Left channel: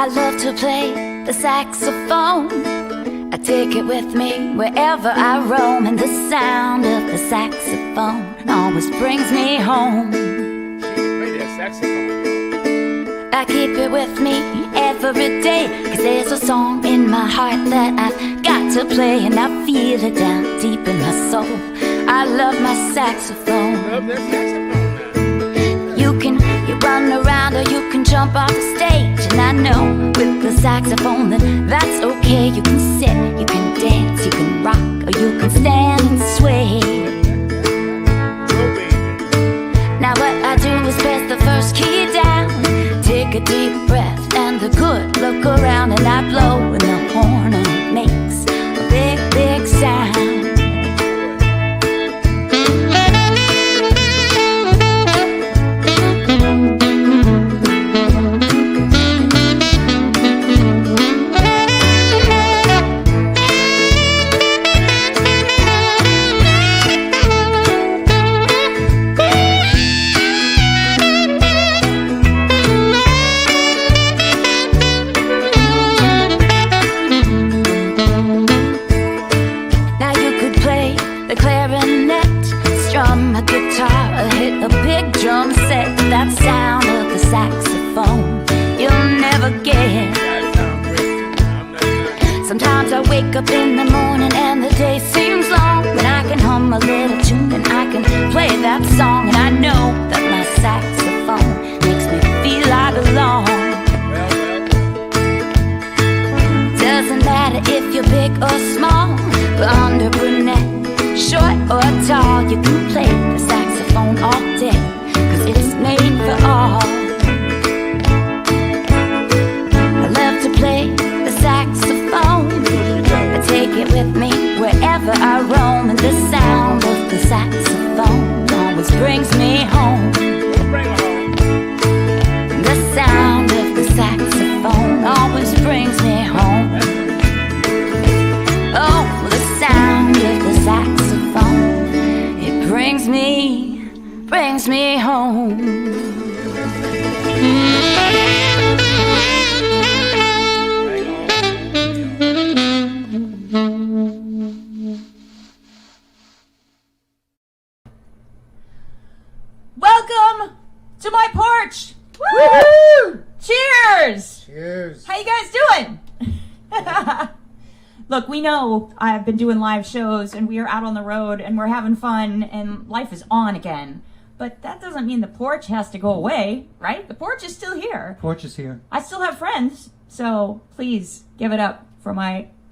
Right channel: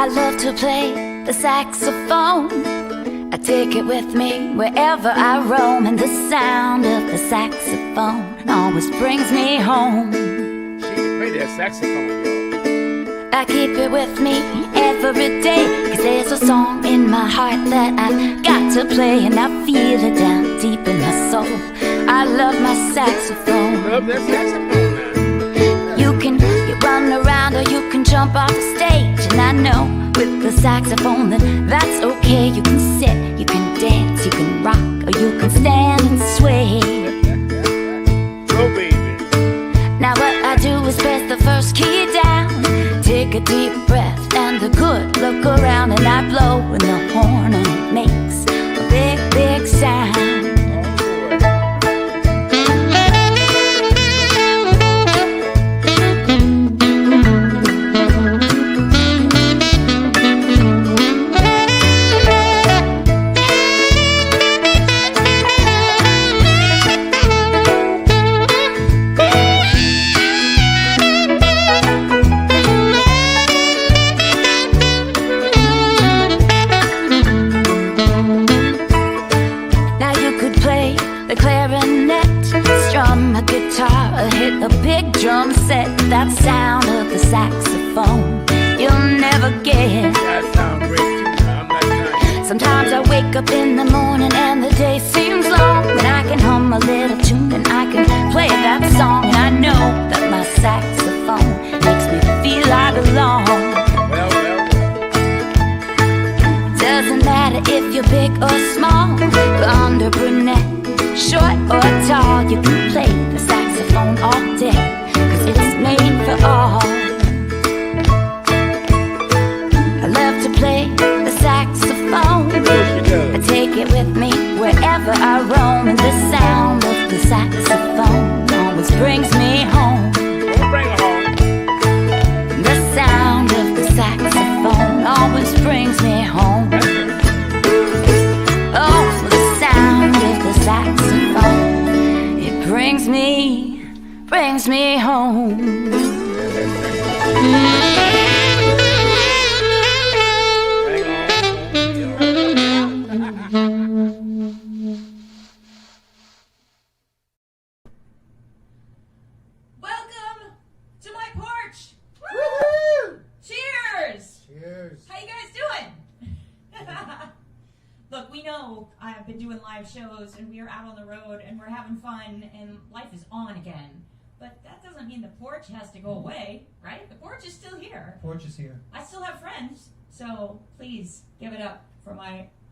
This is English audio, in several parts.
I love to play the saxophone. I take it with me wherever I roam, and the sound of the saxophone always brings me home. She can play that saxophone, yo. I keep it with me every day, 'cause there's a song in my heart that I've got to play, and I feel it down deep in my soul. I love my saxophone. Love that saxophone now. You run around or you can jump off the stage, and I know with the saxophone then that's okay. You can sit, you can dance, you can rock, or you can stand and sway. Go, baby. Now what I do is press the first key down, take a deep breath and a good look around, and I blow in the horn and it makes a big, big sound. Hit a big drum set, that sound of the saxophone you'll never get. That sounds great too. I'm not lying. Sometimes I wake up in the morning and the day seems long, and I can hum a little tune and I can play that song, and I know that my saxophone makes me feel I belong. Well. Doesn't matter if you're big or small, blonde or brunette, short or tall, you can play the saxophone all day, 'cause it's made for all. I love to play the saxophone. I take it with me wherever I roam, and the sound of the saxophone always brings me home. Bring her home. The sound of the saxophone always brings me home. Oh, the sound of the saxophone, it brings me home. Welcome to my porch. Woo! Cheers! Cheers. How you guys doing? Look, we know I've been doing live shows and we are out on the road and we're having fun and life is on again. But that doesn't mean the porch has to go away, right? The porch is still here. Porch is here. I still have friends, so please give it up for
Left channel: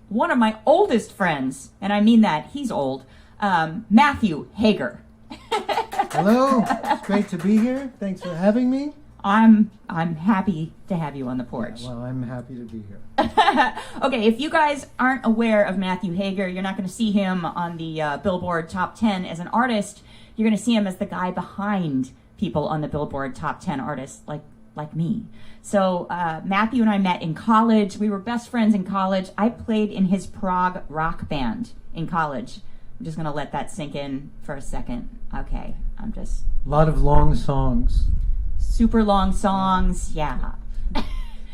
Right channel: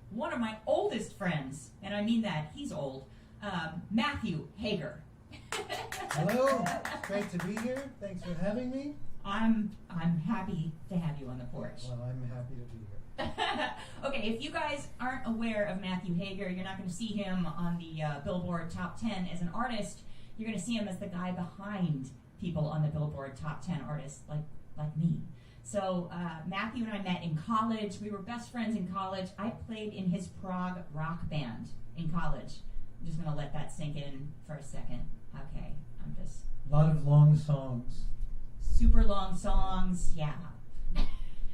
one of my oldest friends, and I mean that, he's old, Matthew Hager. Hello, it's great to be here. Thanks for having me. I'm happy to have you on the porch. Well, I'm happy to be here. Okay, if you guys aren't aware of Matthew Hager, you're not going to see him on the Billboard Top 10 as an artist. You're going to see him as the guy behind people on the Billboard Top 10 artists like me. So Matthew and I met in college. We were best friends in college. I played in his prog rock band in college. I'm just going to let that sink in for a second. Okay, A lot of long songs. Super long songs, yeah.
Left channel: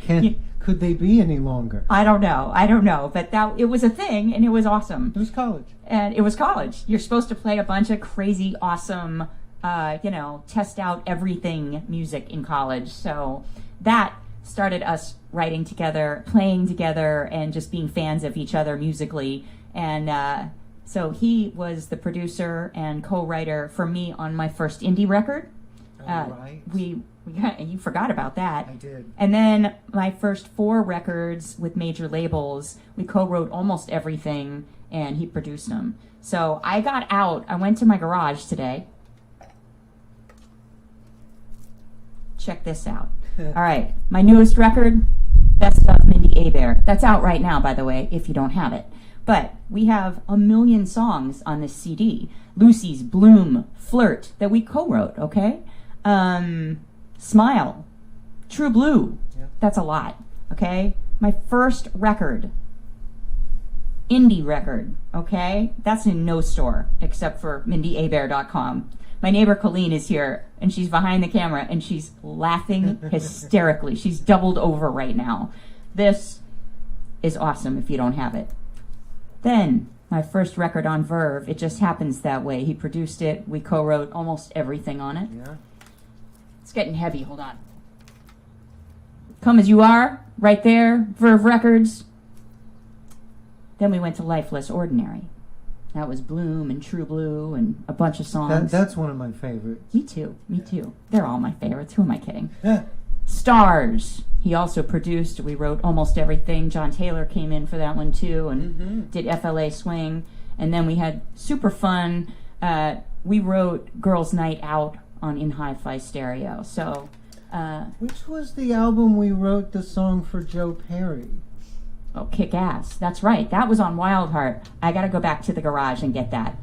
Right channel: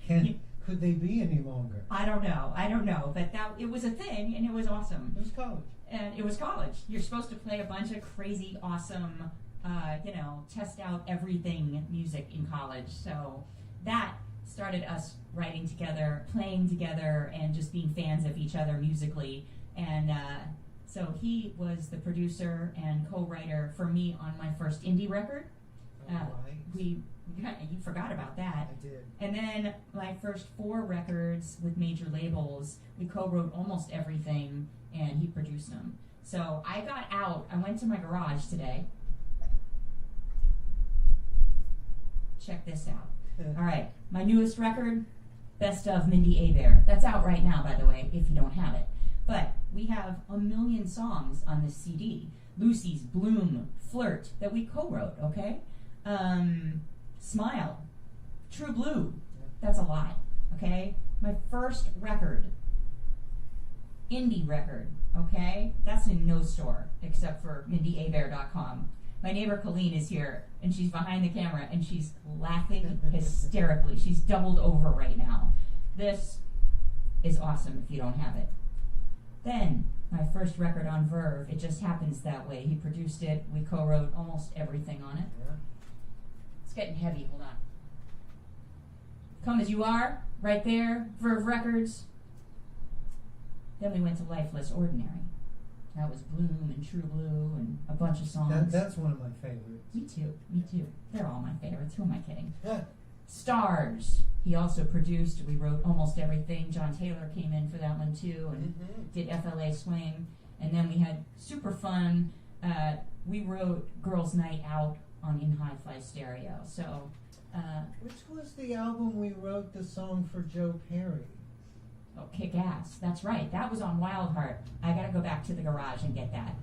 Could they be any longer? I don't know, but it was a thing, and it was awesome. It was college. And it was college. You're supposed to play a bunch of crazy, awesome, test out everything music in college. So that started us writing together, playing together, and just being fans of each other musically. And so he was the producer and co-writer for me on my first indie record. Right. You forgot about that. I did. And then my first 4 records with major labels, we co-wrote almost everything, and he produced them. So I got out. I went to my garage today. Check this out. All right, my newest record, Best of Mindi Abair. That's out right now, by the way, if you don't have it. But we have 1 million songs on this CD. Lucy's, Bloom, Flirt, that we co-wrote, okay? Smile, True Blue, that's a lot, okay? My first record, indie record, okay? That's in no store except for MindiAbair.com. My neighbor Colleen is here, and she's behind the camera, and she's laughing hysterically. She's doubled over right now. This is awesome if you don't have it. Then, my first record on Verve, it just happens that way. He produced it. We co-wrote almost everything on it. Yeah. It's getting heavy. Hold on. Come As You Are, right there, Verve Records. Then we went to Lifeless Ordinary. That was Bloom and True Blue and a bunch of songs. That's one of my favorites. Me too. Me too. They're all my favorites. Who am I kidding? Yeah. Stars. He also produced. We wrote almost everything. John Taylor came in for that one too and did FLA Swing. And then we had super fun. We wrote Girls Night Out on In Hi-Fi Stereo. So, Which was the album we wrote the song for Joe Perry? oh, Kick Ass. That's right. That was on Wild Heart. I got to go back to the garage and get that.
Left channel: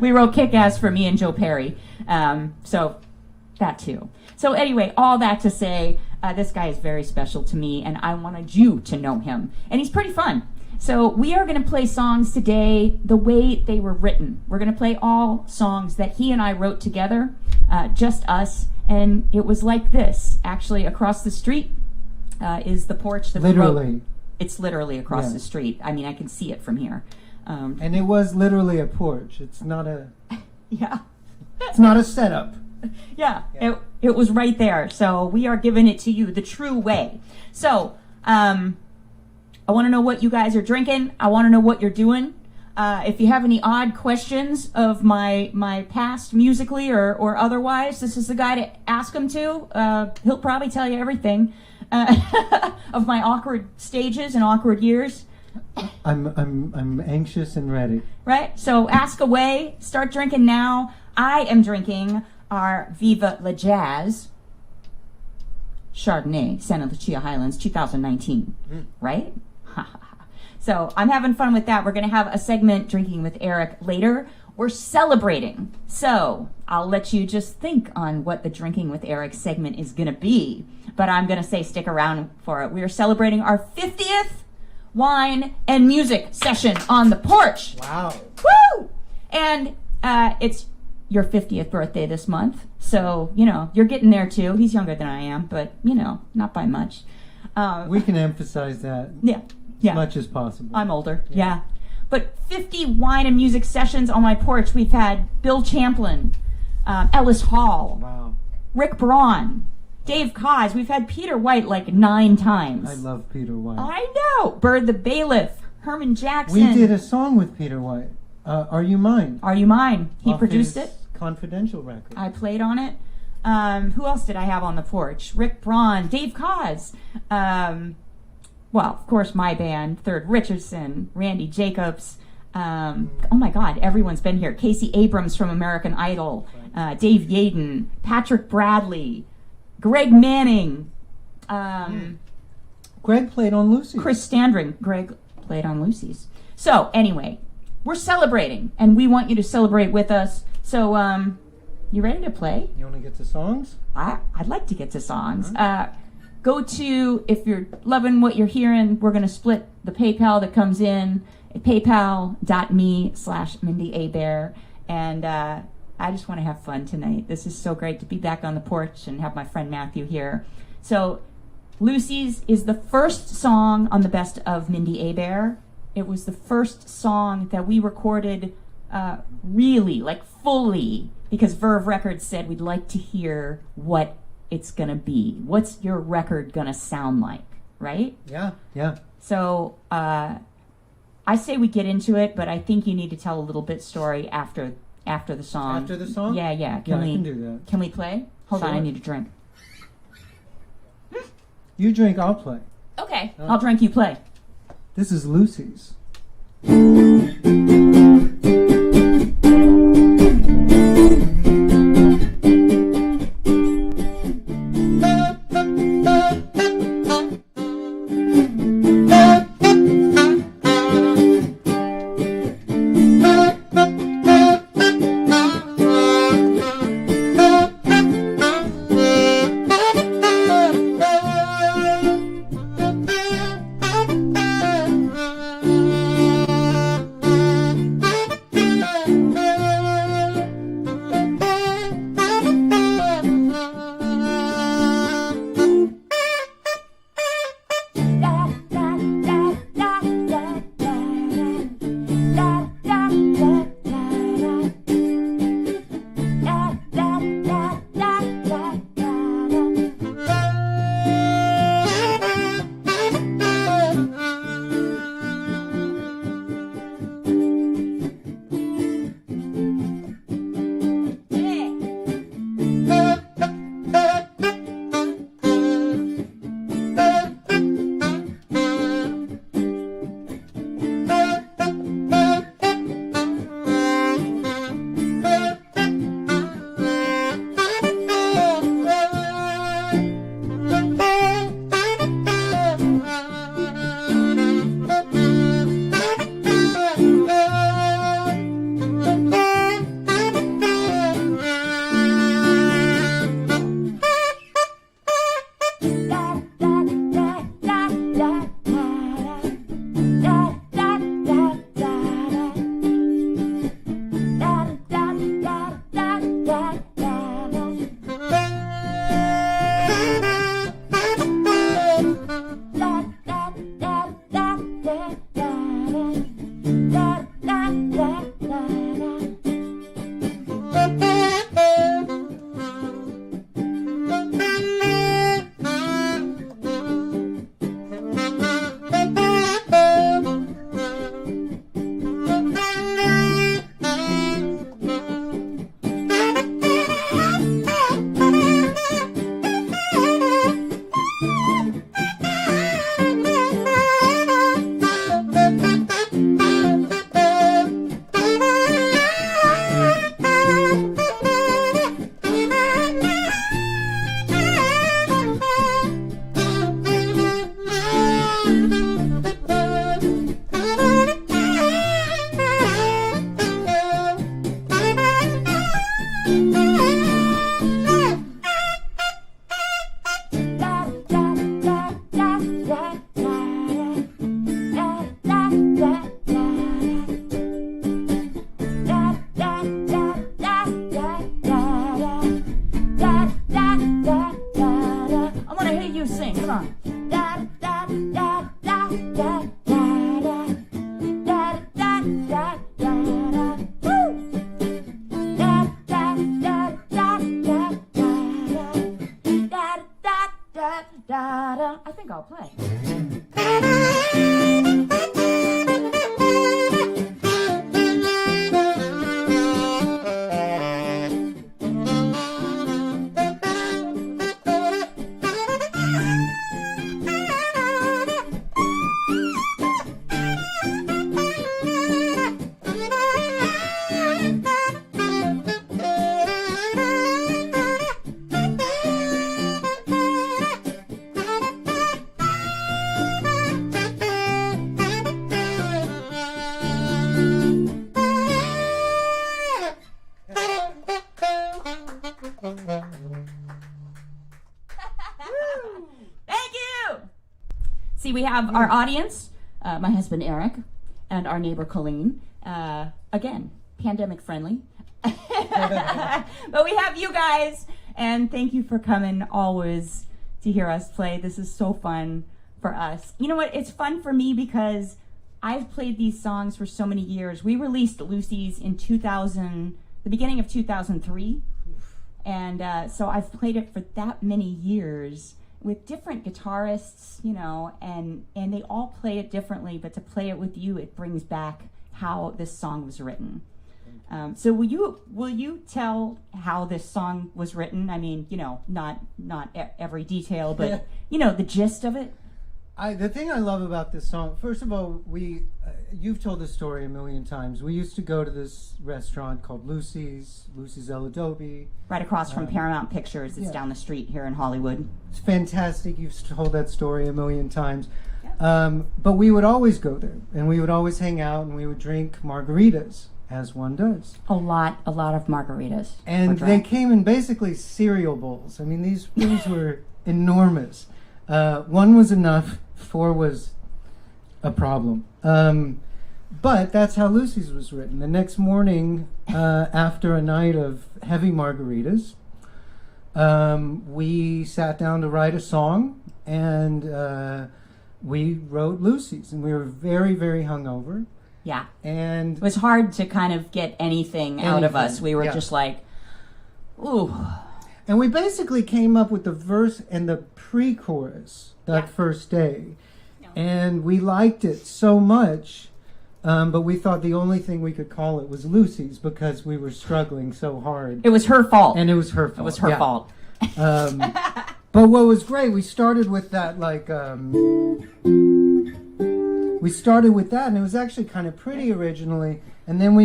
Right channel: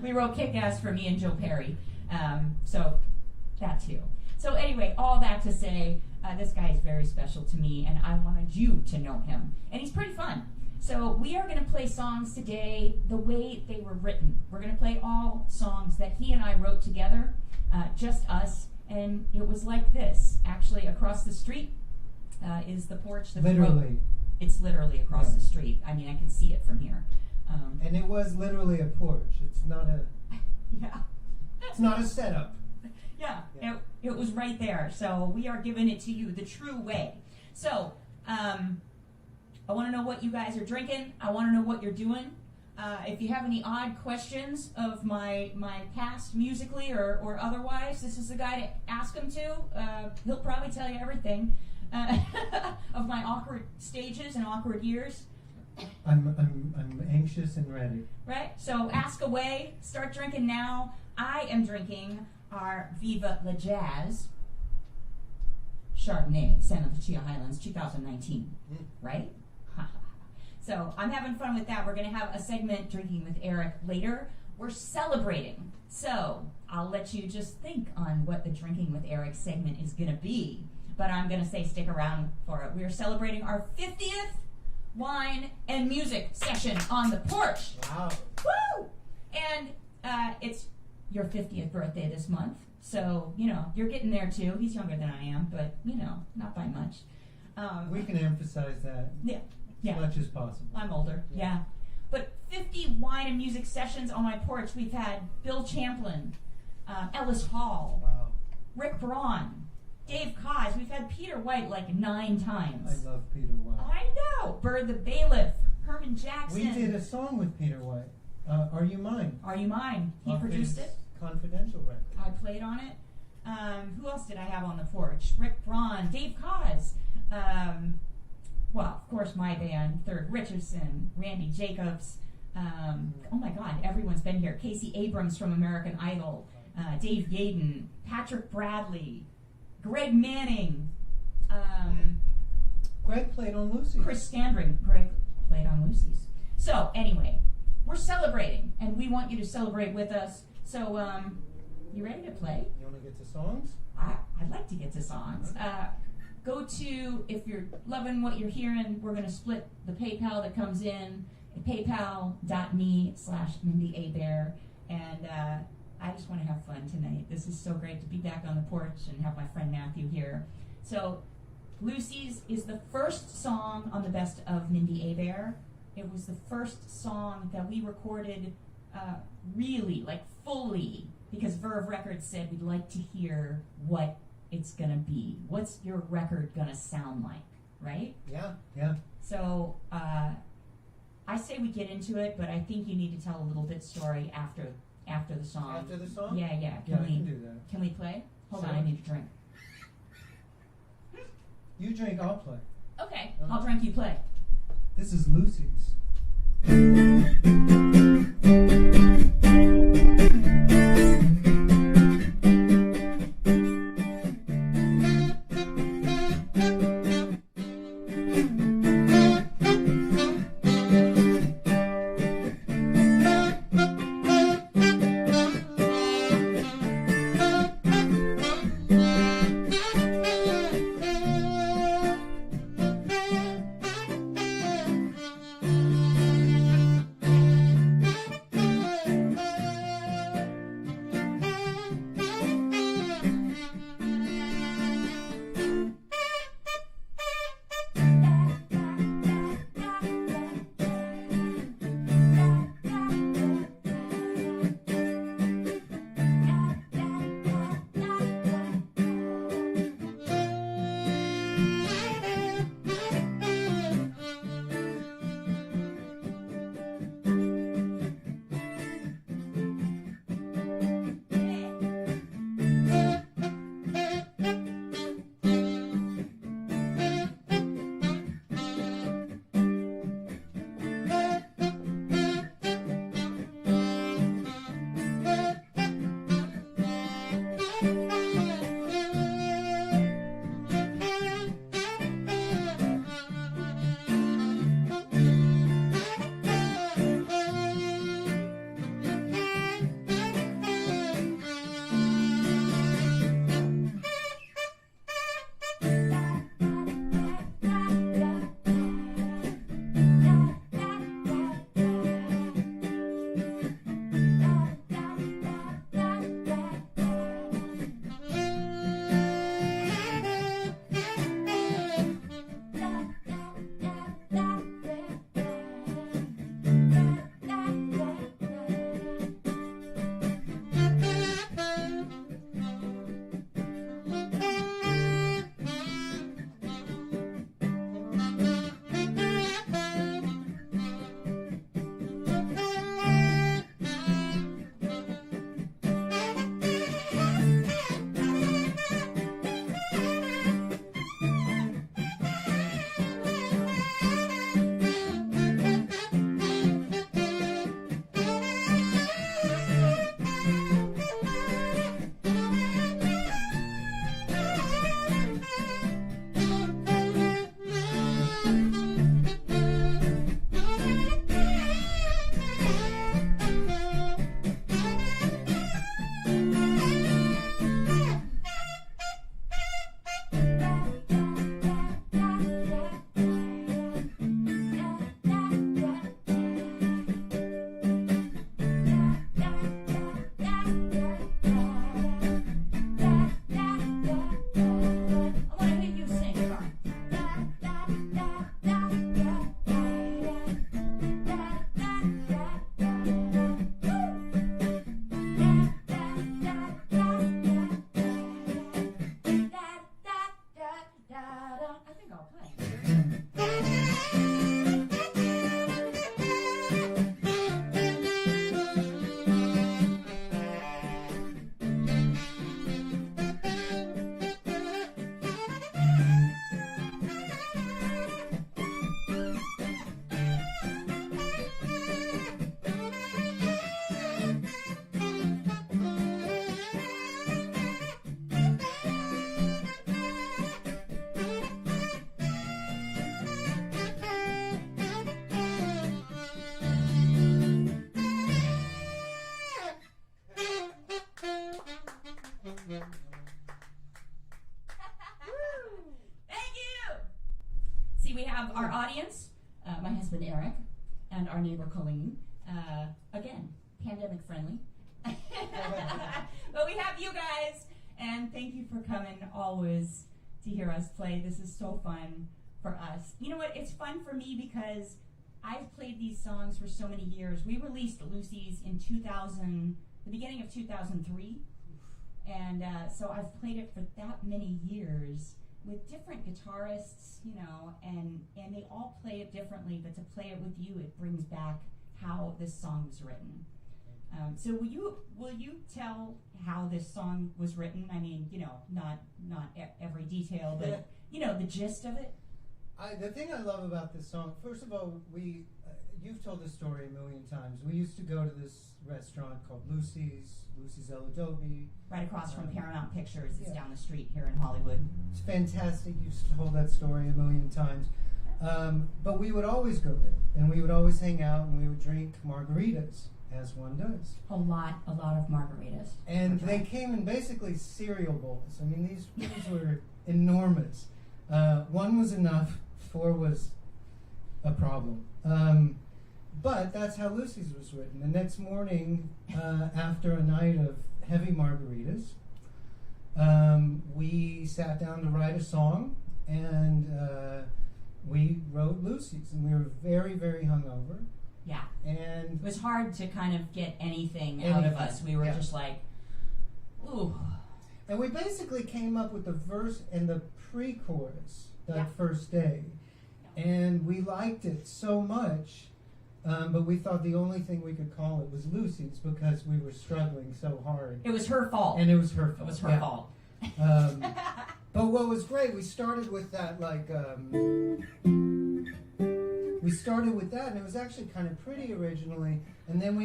We wrote Kick Ass for me and Joe Perry. So that too. So anyway, all that to say, this guy is very special to me, and I wanted you to know him. And he's pretty fun. So we are going to play songs today the way they were written. We're going to play all songs that he and I wrote together, just us. And it was like this. Actually, across the street is the porch that we wrote. Literally. It's literally across Yeah. the street. I mean, I can see it from here. And it was literally a porch. It's not a Yeah. it's not a setup. Yeah, it was right there. So we are giving it to you the true way. So I want to know what you guys are drinking. I want to know what you're doing. If you have any odd questions of my past musically or otherwise, this is the guy to ask them to. He'll probably tell you everything of my awkward stages and awkward years. I'm anxious and ready. Right? So ask away. Start drinking now. I am drinking our Viva La Jazz Chardonnay, Santa Lucia Highlands, 2019. Right? So I'm having fun with that. We're going to have a segment, Drinking with Eric, later. We're celebrating. So I'll let you just think on what the Drinking with Eric segment is going to be. But I'm going to say stick around for it. We are celebrating our 50th wine and music session on the porch. Wow. Woo! And it's your 50th birthday this month. So, you're getting there too. He's younger than I am, but, not by much. We can emphasize that Yeah. as much as possible. I'm older. Yeah. But 50 wine and music sessions on my porch. We've had Bill Champlin, Ellis Hall, Wow. Rick Braun, Dave Koz. We've had Peter White like 9 times. I love Peter White. I know. Bird the Bailiff, Herman Jackson. We did a song with Peter White. Are You Mine? Are You Mine? He Off produced his it. Confidential record. I played on it. Who else did I have on the porch? Rick Braun, Dave Koz. Well, of course, my band, Third Richardson, Randy Jacobs. Oh my God, everyone's been here. Casey Abrams from American Idol, Dave Yaden, Patrick Bradley, Greg Manning, Greg played on Lucy. Chris Standring. Greg played on Lucy's. So anyway, we're celebrating, and we want you to celebrate with us. So, you ready to play? You want to get to songs? I'd like to get to songs. Go to, if you're loving what you're hearing, we're going to split the PayPal that comes in at paypal.me/Mindi Abair. And I just want to have fun tonight. This is so great to be back on the porch and have my friend Matthew here. So Lucy's is the first song on the Best of Mindi Abair. It was the first song that we recorded really, like fully, because Verve Records said we'd like to hear what it's gonna be. What's your record gonna sound like, right? Yeah, yeah. So I say we get into it, but I think you need to tell a little bit story after the song. After the song? Yeah. I can do that. Can we play? Hold on, I Sure. need a drink. You drink, I'll play. Okay, I'll drink, you play. This is Lucy's. see, we have our audience, my husband Eric, and our neighbor Colleen. Again, pandemic friendly. But we have you guys, and thank you for coming always to hear us play. This is so fun for us. You know what? It's fun for me because I've played these songs for so many years. We released Lucy's in the beginning of 2003. And so I've played it for that many years with different guitarists, you know, and they all play it differently, but to play it with you, it brings back how this song was written. So will you tell how this song was written? I mean, you know, not every detail, but you know, the gist of it. The thing I love about this song, first of all, you've told this story a million times. We used to go to this restaurant called Lucy's El Adobe. Right across from Paramount Pictures. It's down the street here in Hollywood. It's fantastic. You've told that story a million times. But we would always go there, and we would always hang out, and we would drink margaritas, as one does. A lot of margaritas. And they came in basically cereal bowls. I mean, these things were enormous. One was enough. 4 was a problem. But that's how Lucy's was written. The next morning, after a night of heavy margaritas, we sat down to write a song, and we wrote Lucy's, and we were very, very hungover. Yeah. And it was hard to kind of get anything out of us. We were just like, ooh. And we basically came up with the verse and the pre-chorus that first day. And we liked it so much, but we thought the only thing we could call it was Lucy's because we were struggling so hard. It was her fault. And it was her fault. It was her fault. But what was great, we started with that, like, we started with that, and it was actually kind of pretty originally. And then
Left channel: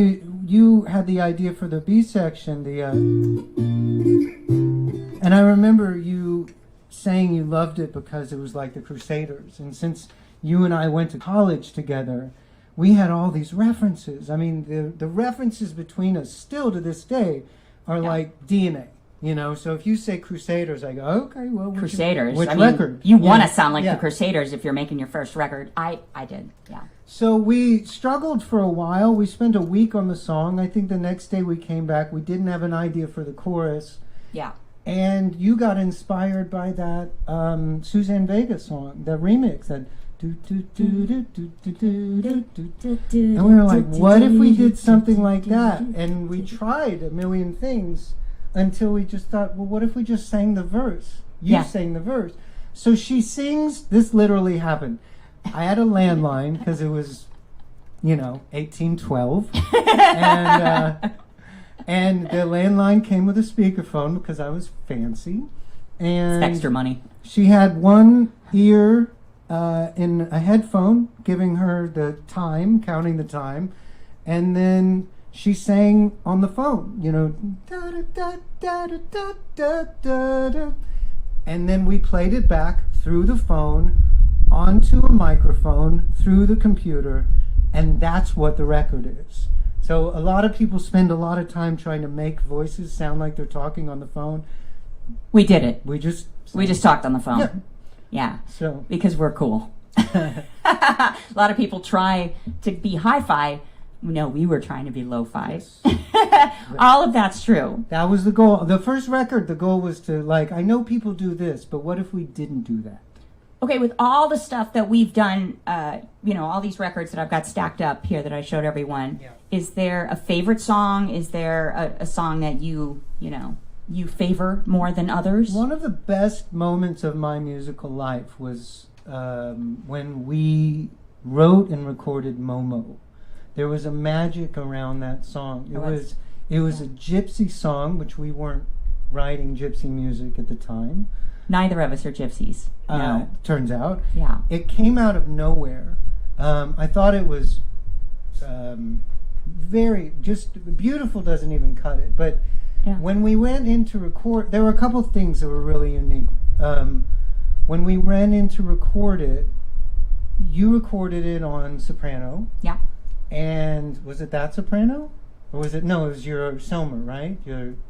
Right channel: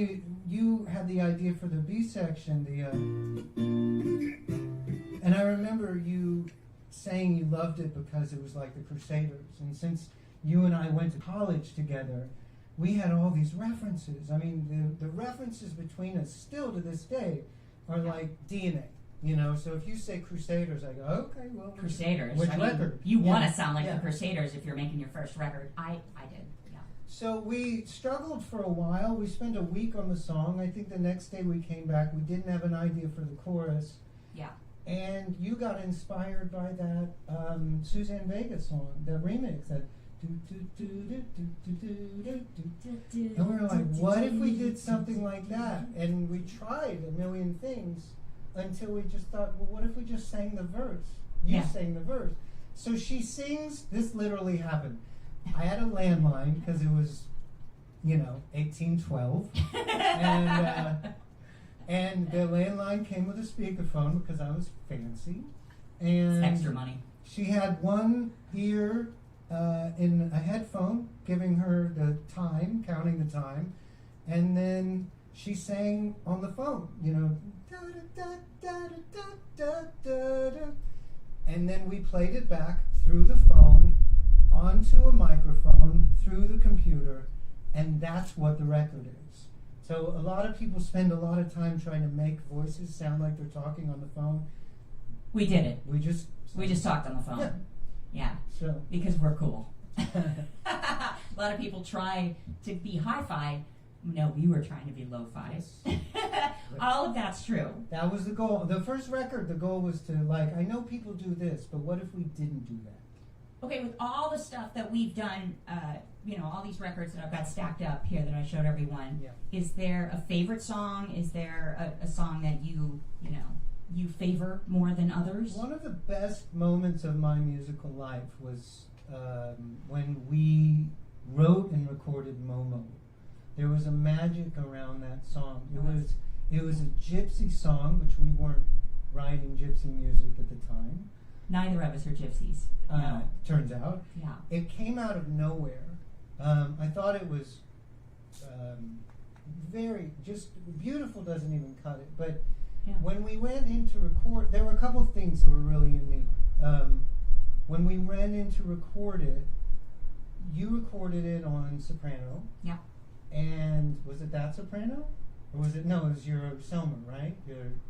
you had the idea for the B section, and I remember you saying you loved it because it was like the Crusaders. And since you and I went to college together, we had all these references. I mean, the references between us still to this day are like DNA. You know, so if you say Crusaders, I go, okay, well, Crusaders. Which I record? You want to sound like the Crusaders if you're making your first record. I did, yeah. So we struggled for a while. We spent a week on the song. I think the next day we came back. We didn't have an idea for the chorus. Yeah. And you got inspired by that Suzanne Vega song, that remix, that and we were like, what if we did something like that? And we tried a million things until we just thought, well, what if we just sang the verse? You sang the verse. So she sings, this literally happened. I had a landline because it was, 1812. And the landline came with a speakerphone because I was fancy. And it's extra money. She had one ear in a headphone, giving her the time, counting the time, and then she sang on the phone, da da da da da da da da, and then we played it back through the phone, onto a microphone, through the computer, and that's what the record is. So a lot of people spend a lot of time trying to make voices sound like they're talking on the phone. We did it. We just talked on the phone. Yeah. Yeah. So because we're cool. A lot of people try to be hi-fi. No, we were trying to be lo-fi. Yes. All of that's true. That was the goal. The first record, the goal was to, I know people do this, but what if we didn't do that? Okay, with all the stuff that we've done, all these records that I've got stacked up here that I showed everyone, is there a favorite song? Is there a song that you favor more than others? One of the best moments of my musical life was when we wrote and recorded Momo. There was a magic around that song. It was a gypsy song, which we weren't writing gypsy music at the time. Neither of us are gypsies. No. Turns out. Yeah. It came out of nowhere. I thought it was very, just beautiful doesn't even cut it. But when we went in to record, there were a couple of things that were really unique. When we went in to record it, you recorded it on soprano. Yeah. And was it that soprano? Or was it, no, it was your Selmer, right?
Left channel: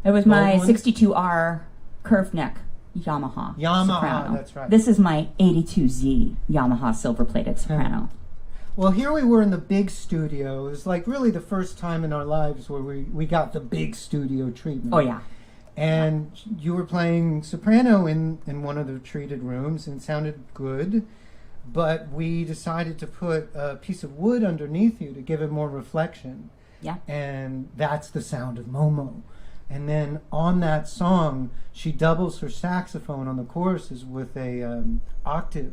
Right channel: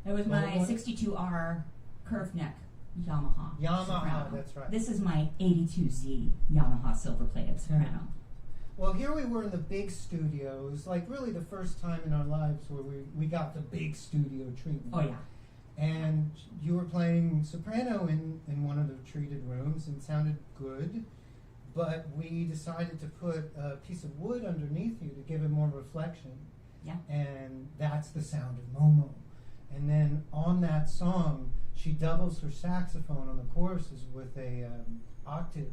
It was my 62R curved neck. Yamaha. Yamaha, soprano. that's right. This is my 82Z Yamaha silver-plated soprano. Well, here we were in the big studio. It was like really the first time in our lives where we got the big studio treatment. Oh yeah. And you were playing soprano in one of the treated rooms and it sounded good, but we decided to put a piece of wood underneath you to give it more reflection. Yeah. And that's the sound of Momo. And then on that song, she doubles her saxophone on the choruses with a octave.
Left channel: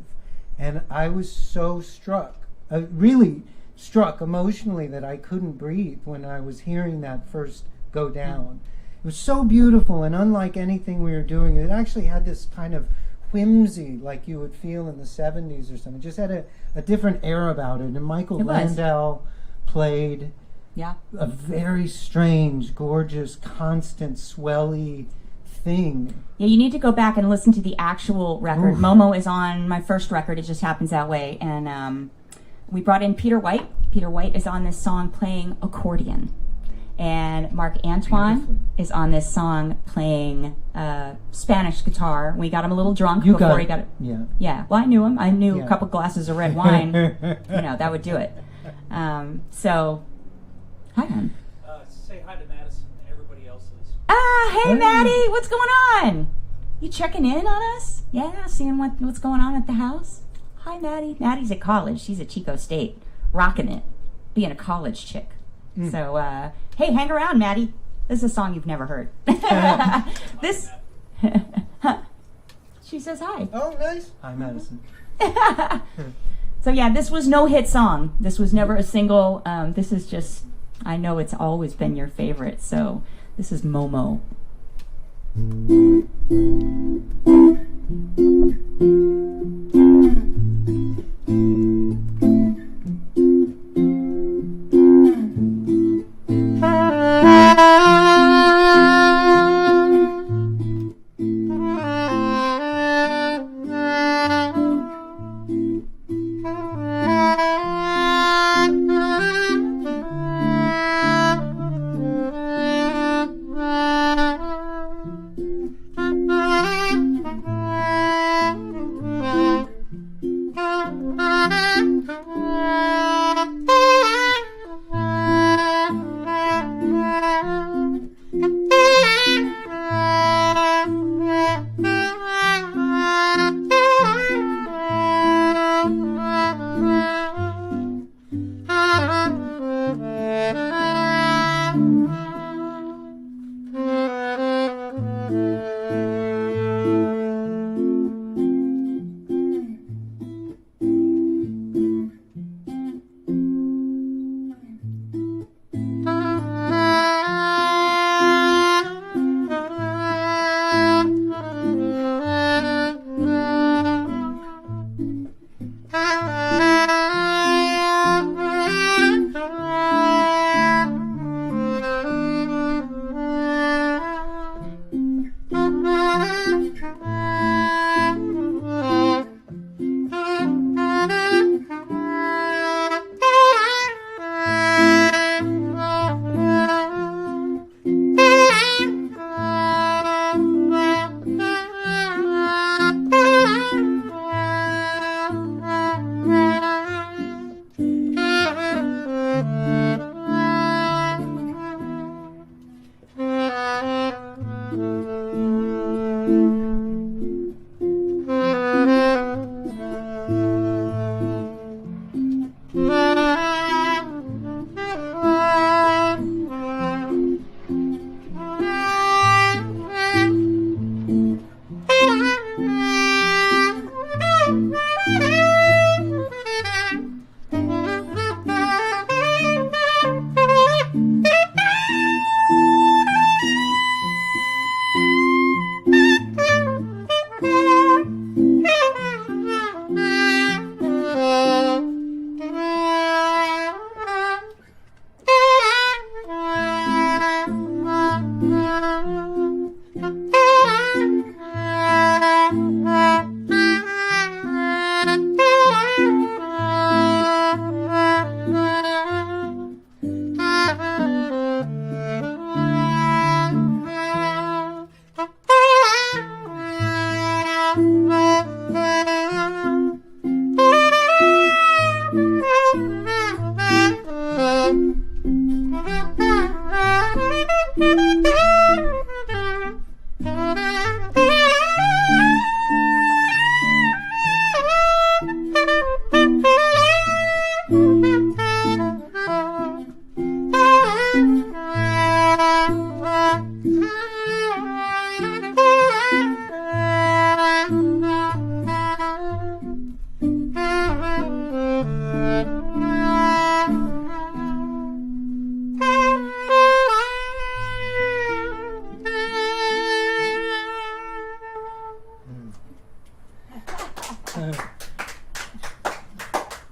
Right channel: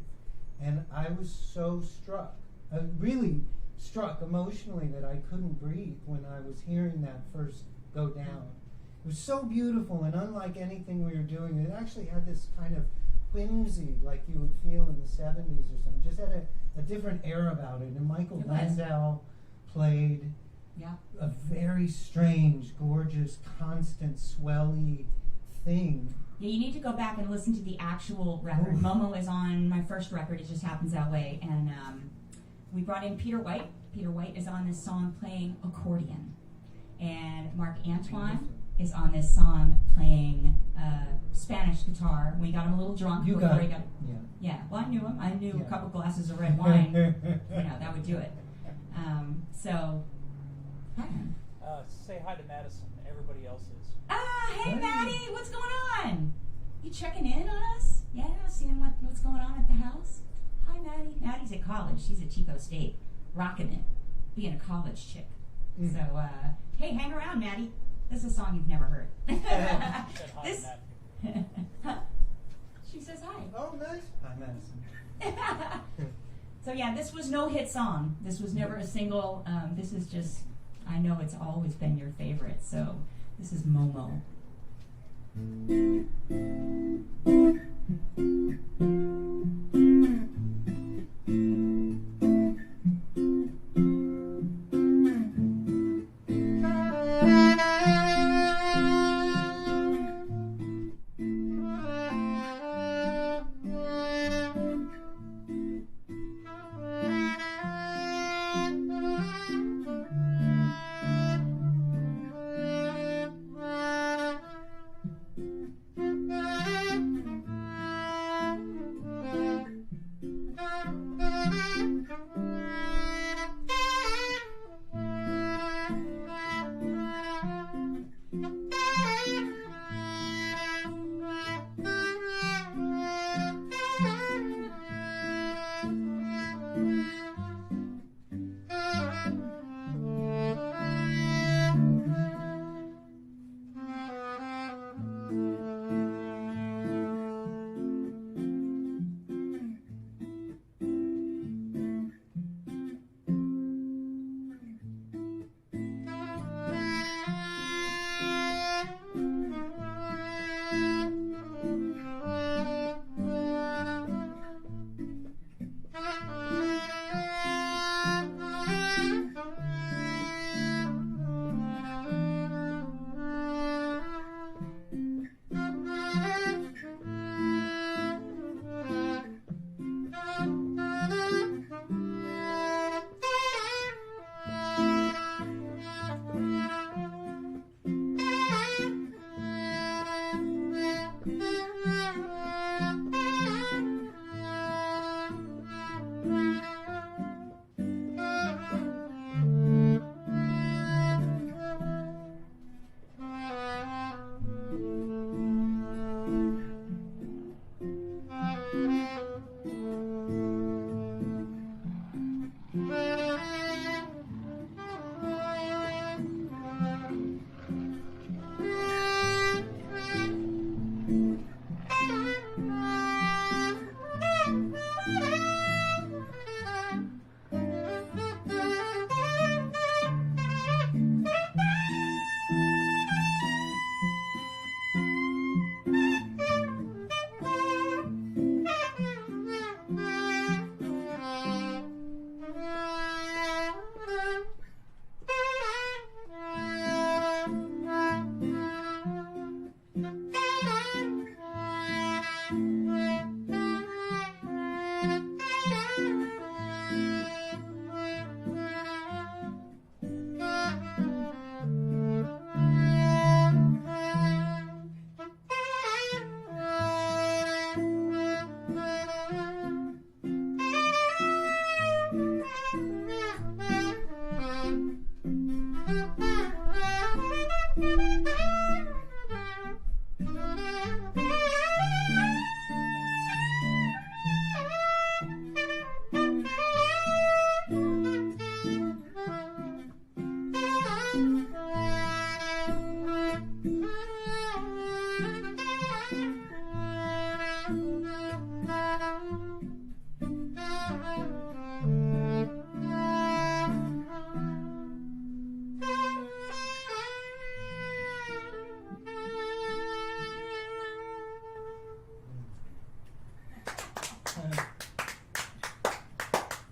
And I was so struck, really struck emotionally, that I couldn't breathe when I was hearing that first go down. It was so beautiful and unlike anything we were doing. It actually had this kind of whimsy like you would feel in the 70s or something. It just had a different air about it. And Michael It was. Landau played Yeah. a very strange, gorgeous, constant, swelly thing. Yeah, you need to go back and listen to the actual record. Oof. Momo is on my first record. It just happens that way. And we brought in Peter White. Peter White is on this song playing accordion. And Mark Antoine Beautifully. is on this song playing Spanish guitar. We got him a little drunk before he got it. Yeah. Yeah, well, I knew him. I knew Yeah. a couple glasses of red wine. That would do it. So, hi, hon. Say hi to Madison and everybody else is. Ah, hey, Hey. Maddie, what's going on? You checking in on us? Yeah, seeing what's going on at the house? Hi, Maddie. Maddie's at college. She's at Chico State, rocking it, being a college chick. So, hey, hang around, Maddie. This is a song you've never heard. This. She says hi. Oh, nice. Hi, Madison. So yeah, this was no hit song. This was never a single. This is just, I know it's always been your favorite. So this is Momo.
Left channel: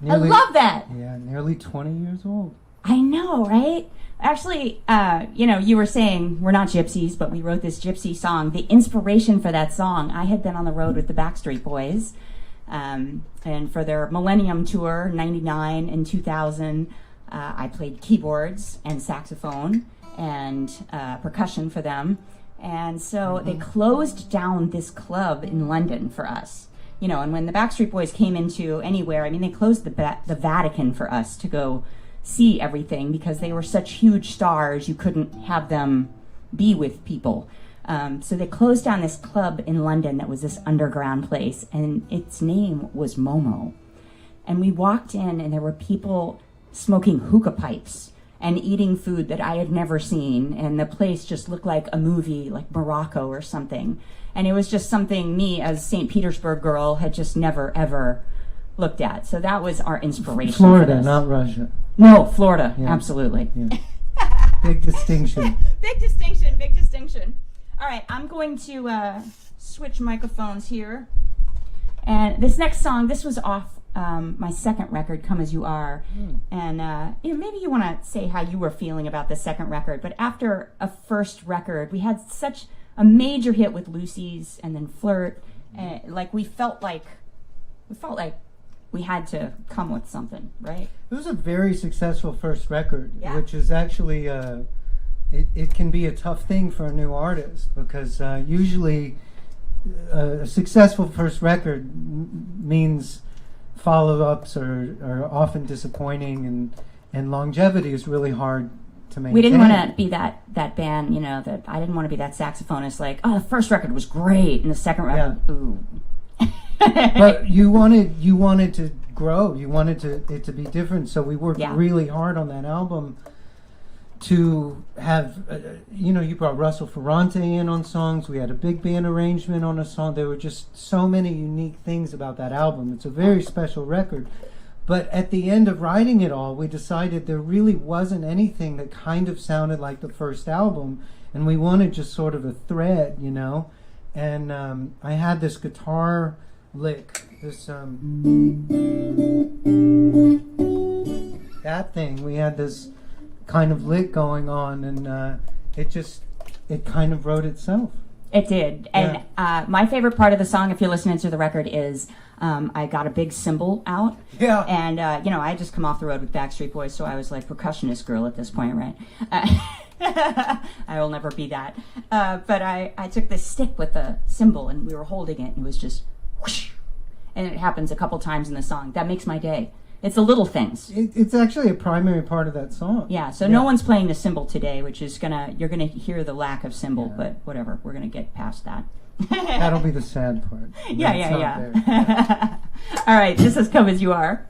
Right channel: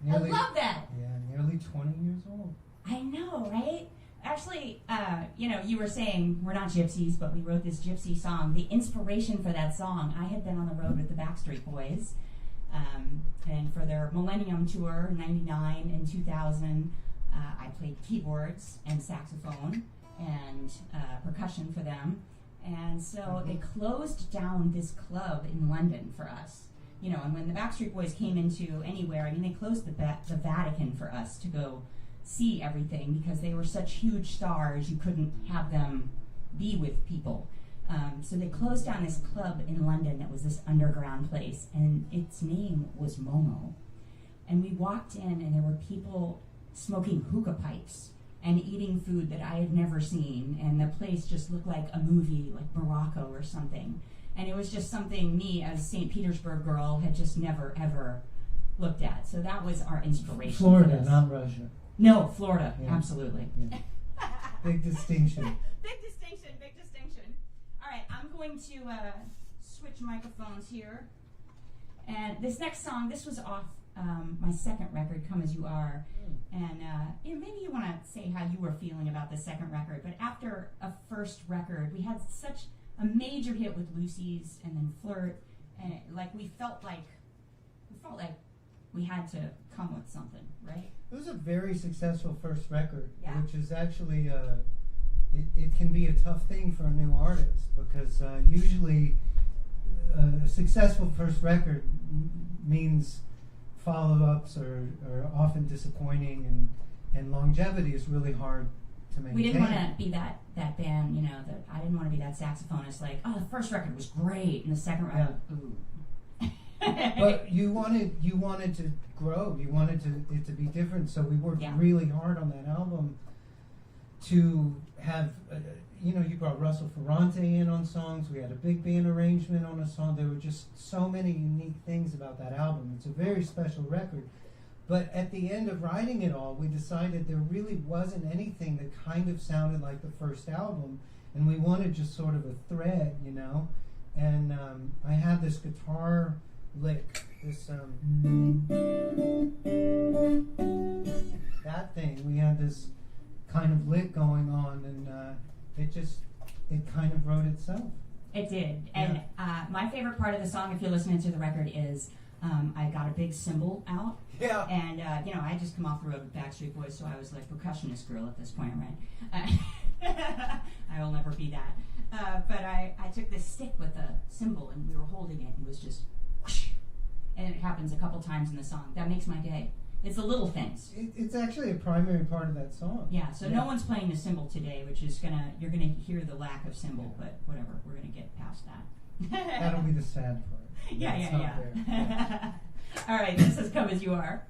Nearly- I love that. Yeah, nearly 20 years old. I know, right? Actually, you were saying we're not gypsies, but we wrote this gypsy song. The inspiration for that song, I had been on the road with the Backstreet Boys, and for their Millennium Tour, 99 and 2000, I played keyboards and saxophone and percussion for them. And so they closed down this club in London for us. And when the Backstreet Boys came into anywhere, I mean, they closed the Vatican for us to go see everything because they were such huge stars, you couldn't have them be with people. So they closed down this club in London that was this underground place, and its name was Momo. And we walked in, and there were people smoking hookah pipes and eating food that I had never seen, and the place just looked like a movie, like Morocco or something. And it was just something me, as St. Petersburg girl, had just never, ever looked at. So that was our inspiration. Florida, for this. not Russia. No, Florida, Yeah. absolutely. Yeah. Big distinction. Big distinction, big distinction. All right, I'm going to switch microphones here. And this next song, this was off my second record, Come As You Are. And maybe you want to say how you were feeling about the second record. But after a first record, we had such a major hit with Lucy's and then Flirt. And we felt like we had to come with something, right? It was a very successful first record, Yeah. which is actually, it can be a tough thing for a new artist because usually a successful first record means follow-ups are often disappointing, and longevity is really hard to maintain. We didn't want to be that band, that I didn't want to be that saxophonist like, oh, the first record was great, and the second record, ooh. But you wanted to grow. You wanted it to be different. So we worked Yeah. really hard on that album to have, you brought Russell Ferrante in on songs. We had a big band arrangement on a song. There were just so many unique things about that album. It's a very special record. But at the end of writing it all, we decided there really wasn't anything that kind of sounded like the first album. And we wanted just sort of a thread, And I had this guitar lick, this that thing. We had this kind of lick going on, and it kind of wrote itself. It did. And my favorite part of the song, if you're listening to the record, is I got a big cymbal out. Yeah. And, I had just come off the road with Backstreet Boys, so I was like percussionist girl at this point, right? I will never be that. But I took this stick with the cymbal, and we were holding it, and it was just whoosh. And it happens a couple times in the song. That makes my day. It's the little things. It's actually a primary part of that song. Yeah, so no one's playing the cymbal today, which is you're gonna hear the lack of cymbal, but whatever, we're gonna get past that. That'll be the sad part. Yeah. It's not there. All right, this is Come As You Are.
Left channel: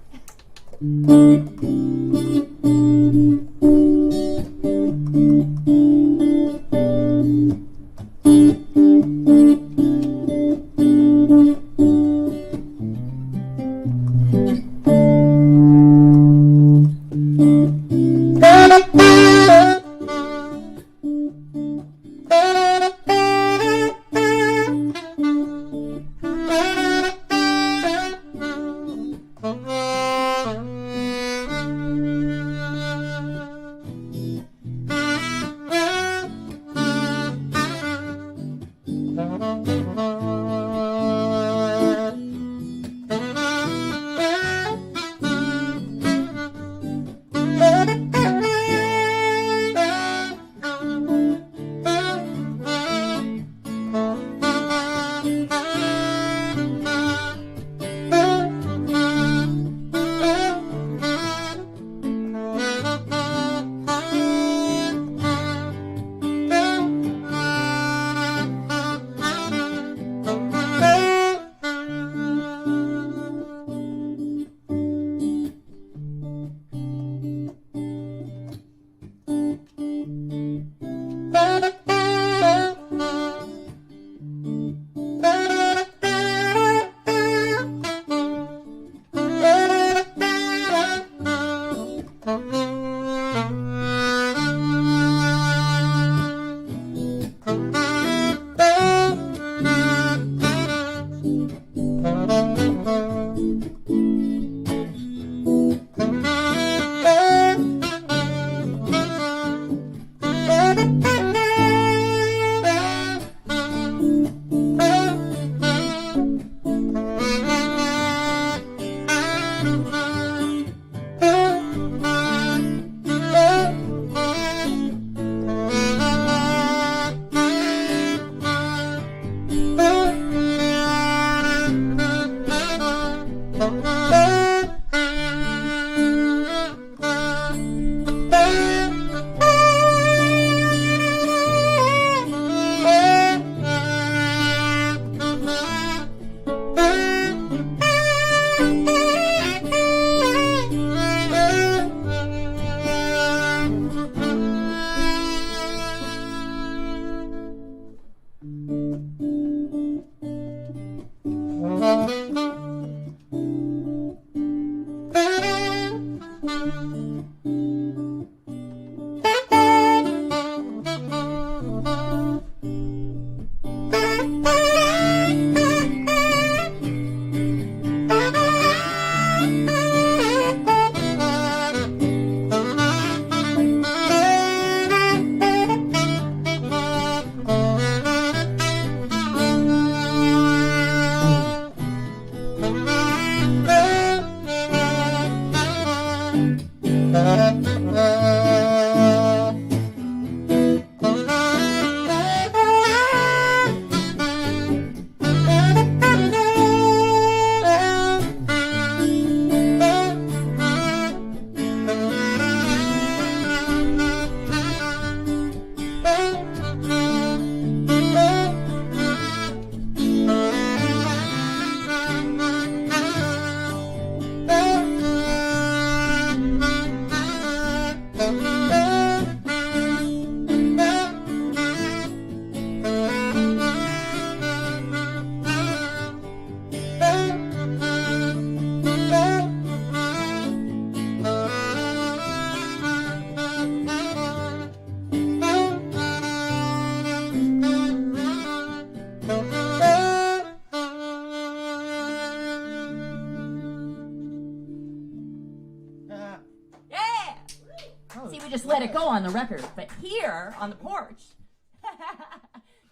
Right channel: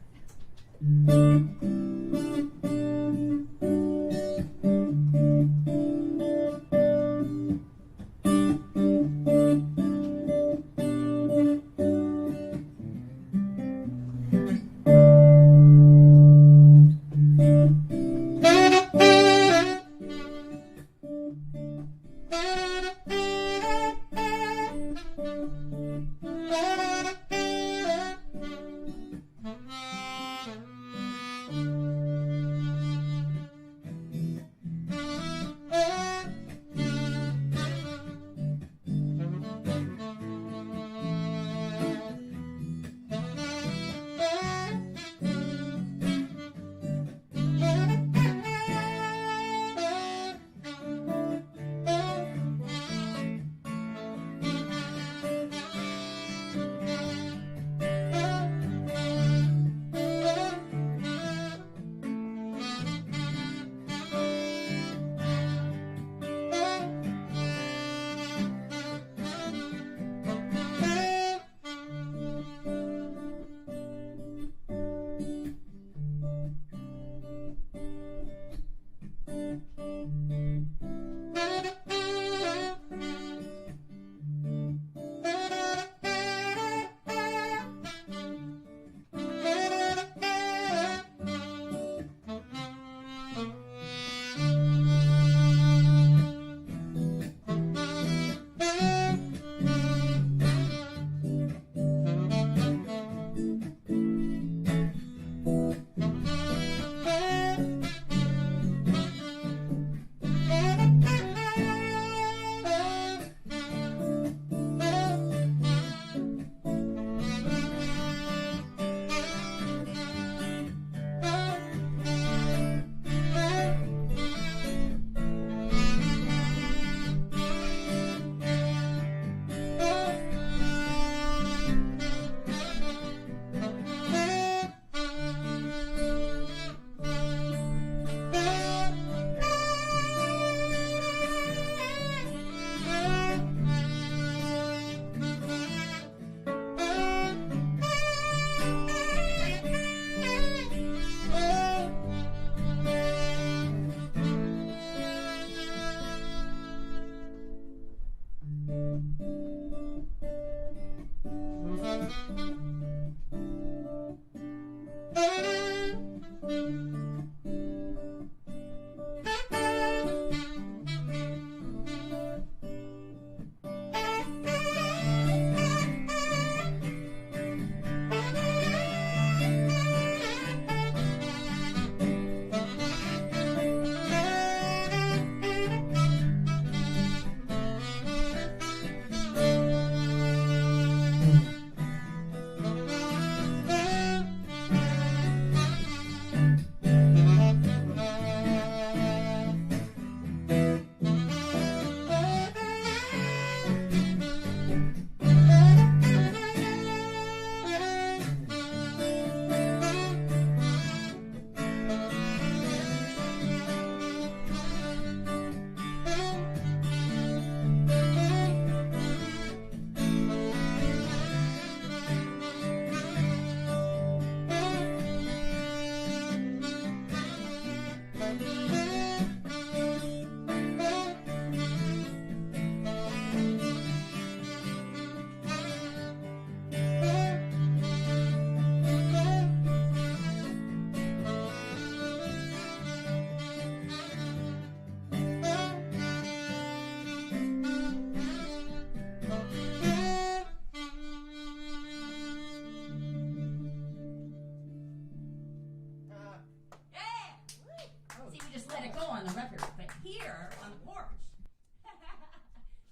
let it go on the record, but here on the porch.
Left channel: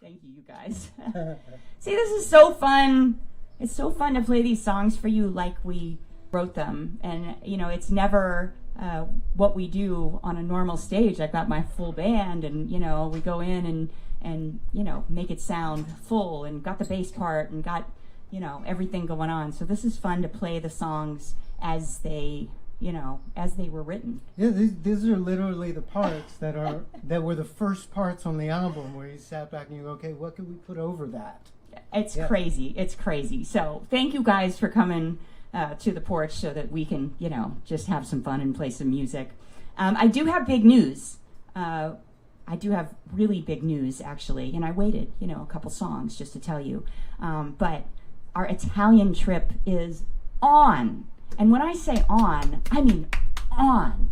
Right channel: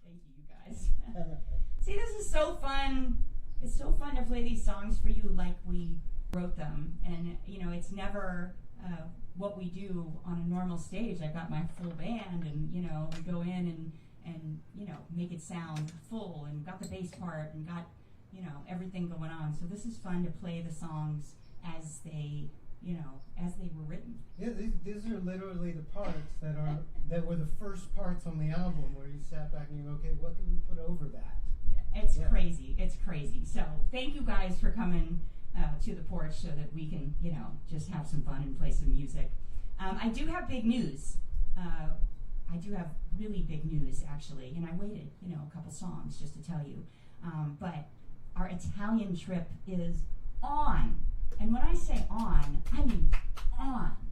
Thank you, you guys. See, this is so fun. It's so fun to play these songs for you like we wrote them. And, you know, it's never what we do on a normal stage. I've got my full band and, you know, we go in and you know, make it sound full and got the bass part and got, you know, everything going on. So this is fun to play the songs as they, you know, as they were written. Yeah, these are literally the parts that were the first parts on the album where you sat back and you go, okay, what could we put over that? It's crazy. It's crazy. So thank you guys for coming to the porch so that we can, you know, just have some fun and play some music. I do have big news. I do have really big news, actually, and I waited, you know, a couple songs just to tell you. But our Italian trip is on. And when I say on, I mean on.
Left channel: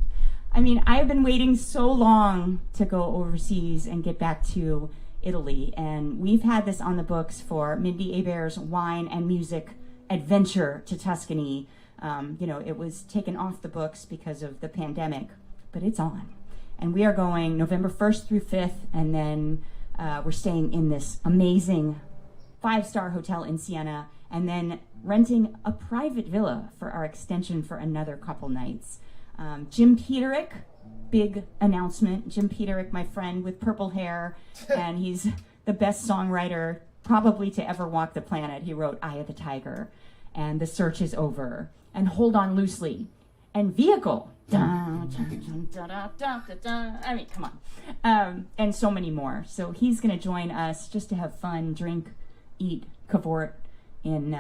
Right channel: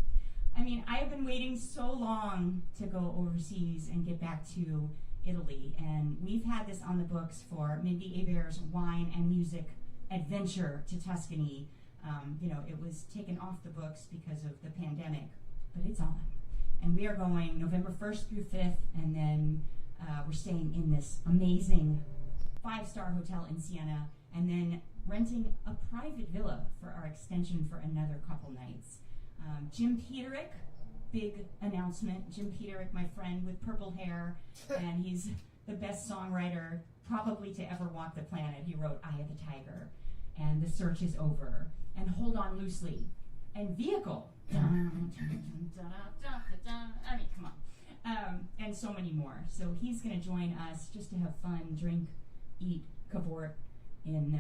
I mean, I've been waiting so long to go overseas and get back to Italy, and we've had this on the books for Mindi Abair's Wine and Music Adventure to Tuscany. You know, it was taken off the books because of the pandemic, but it's on. And we are going November 1st through 5th, and then we're staying in this amazing 5-star hotel in Siena, and then renting a private villa for our extension for another couple nights. Jim Peterick, big announcement. Jim Peterick, my friend with purple hair, and he's the best songwriter probably to ever walk the planet. He wrote Eye of the Tiger, and The Search is Over, and Hold On Loosely, and Vehicle. Dun, dun, dun, dun, dun, dun, dun. I mean, come on. And so many more. So he's going to join us just to have fun, drink, eat, cavort in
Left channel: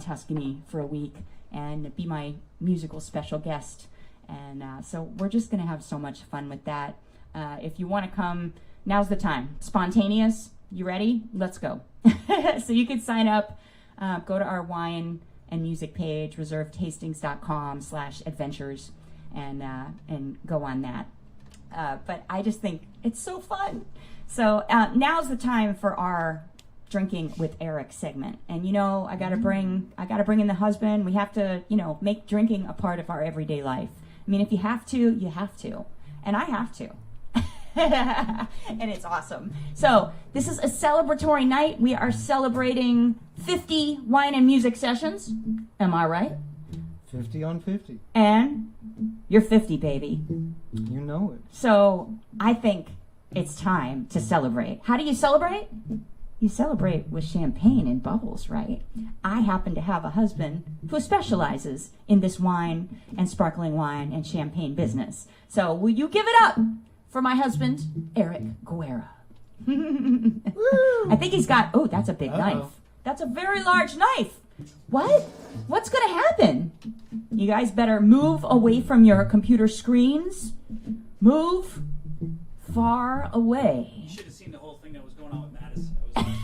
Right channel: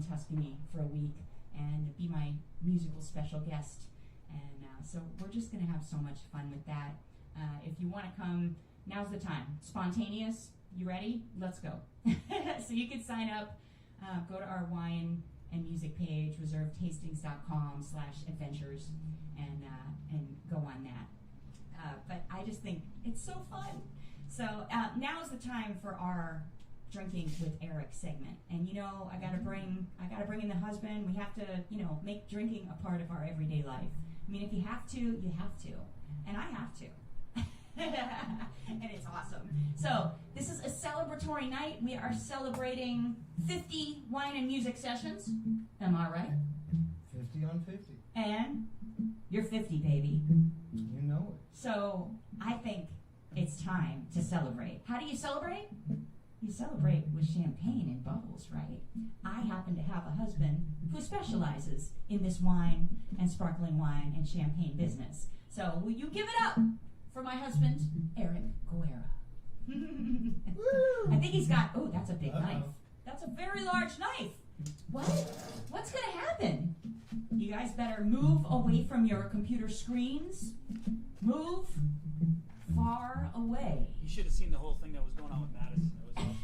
Tuscany for a week, and be my musical special guest. And so we're just going to have so much fun with that. If you want to come, now's the time. Spontaneous, you ready? Let's go. So you can sign up, go to our wine and music page, reservetastings.com/adventures, and go on that. But I just think it's so fun. So now's the time for our Drinking with Eric segment. And you know, I gotta bring in the husband. We have to, you know, make drinking a part of our everyday life. I mean, if you have to, you have to. And I have to. And it's awesome. So this is a celebratory night. We are celebrating 50 wine and music sessions. Am I right? 50 on 50. And you're 50, baby. You know it. So I think it's time to celebrate. How do you celebrate? You celebrate with champagne and bubbles, right? I happen to have a husband who specializes in this wine and sparkling wine and champagne business. So will you give it up for my husband, Eric Guerra? I think he's got, oh, that's a big knife. That's a very large knife. What? What's going to happen? You guys better move away from your computer screens. Move far away. You should have seen the whole thing that was going on with Madison. That was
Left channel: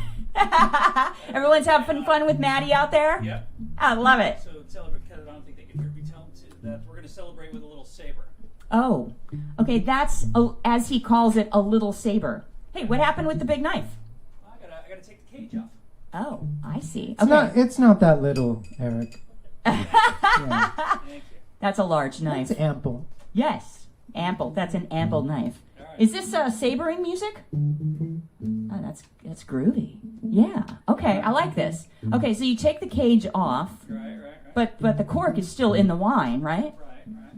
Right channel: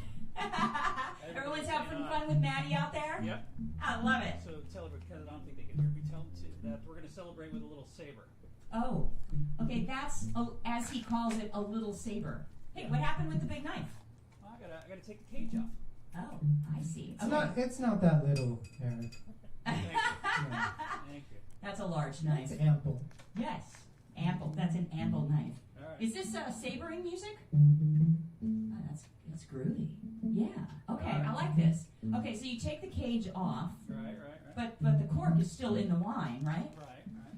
awesome. Everyone's having fun with Maddie out there? Yep. I love it. So celebrate, because I don't think they can hear me tell them that we're going to celebrate with a little saber. Oh, okay, that's, as he calls it, a little saber. Hey, what happened with the big knife? Well, I gotta take the cage off. Oh, I see. It's not that little, Eric. Thank you. That's a large knife. It's ample. Yes, ample. That's an ample knife. All right. Is this sabering music? Oh, that's groovy. Yeah. Okay, I like this. Okay, so you take the cage off, Right. but the cork is still in the wine, right? Right.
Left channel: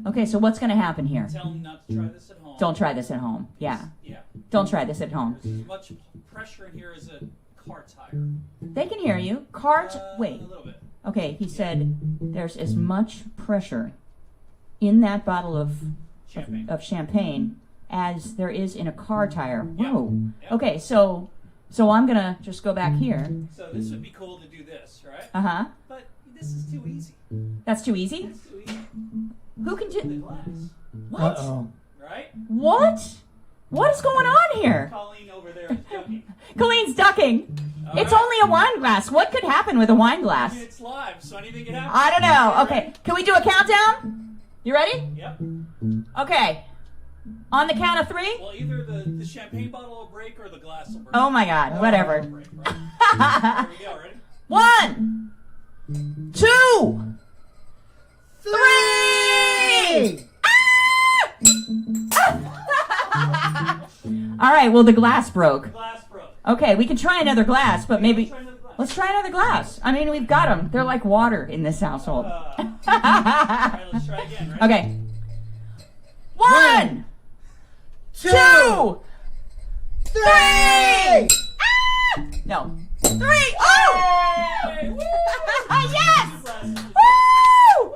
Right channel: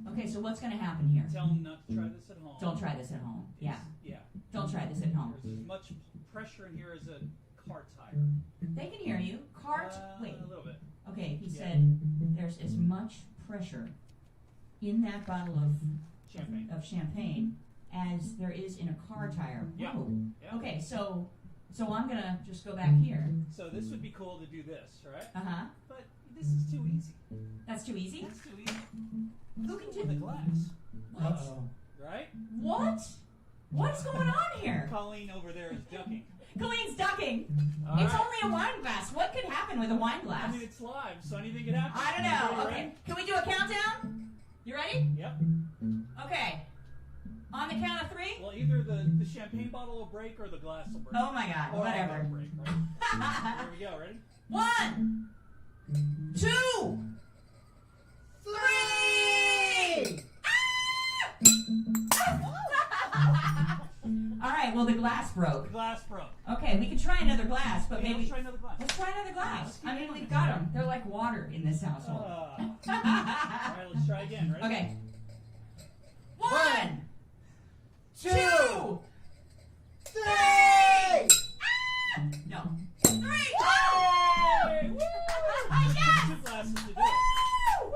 Okay, so what's going to happen here? Tell them not to try this at home. Don't try this at home. Yeah. Yeah. Don't try this at home. There's as much pressure in here as a car tire. They can hear you. Cart. Wait. A little bit. Okay, he said there's as much pressure in that bottle of champagne as there is in a car tire. Whoa. Yeah. Okay, so I'm gonna just go back here. So this would be cool to do this, right? Uh-huh. But this is too easy. That's too easy? It's too easy. Who can The do glass, what? Uh-oh. right? What? What is going on here? Colleen over there is ducking. Colleen's ducking. All It's right. only a wine glass. What could happen with a wine I mean, glass? it's live, so anything can happen. I don't know. You Okay, can we do a countdown? You ready? Yep. Okay. On the count of 3? Well, either the champagne bottle will break or the glass will break. Oh my God, whatever. Break, right? There we go, ready? 1, 2, 3. Ah! All right, well, the glass broke. Glass broke. Okay, we can try another glass, but maybe... Let's try another glass. Let's try another glass. I mean, we've got them. They're like water in this household. All right, let's try again, right? Okay. 1, 2, 3! Ah! No. 3! Oh! Hey, woo! Yes! Glasses. Woo!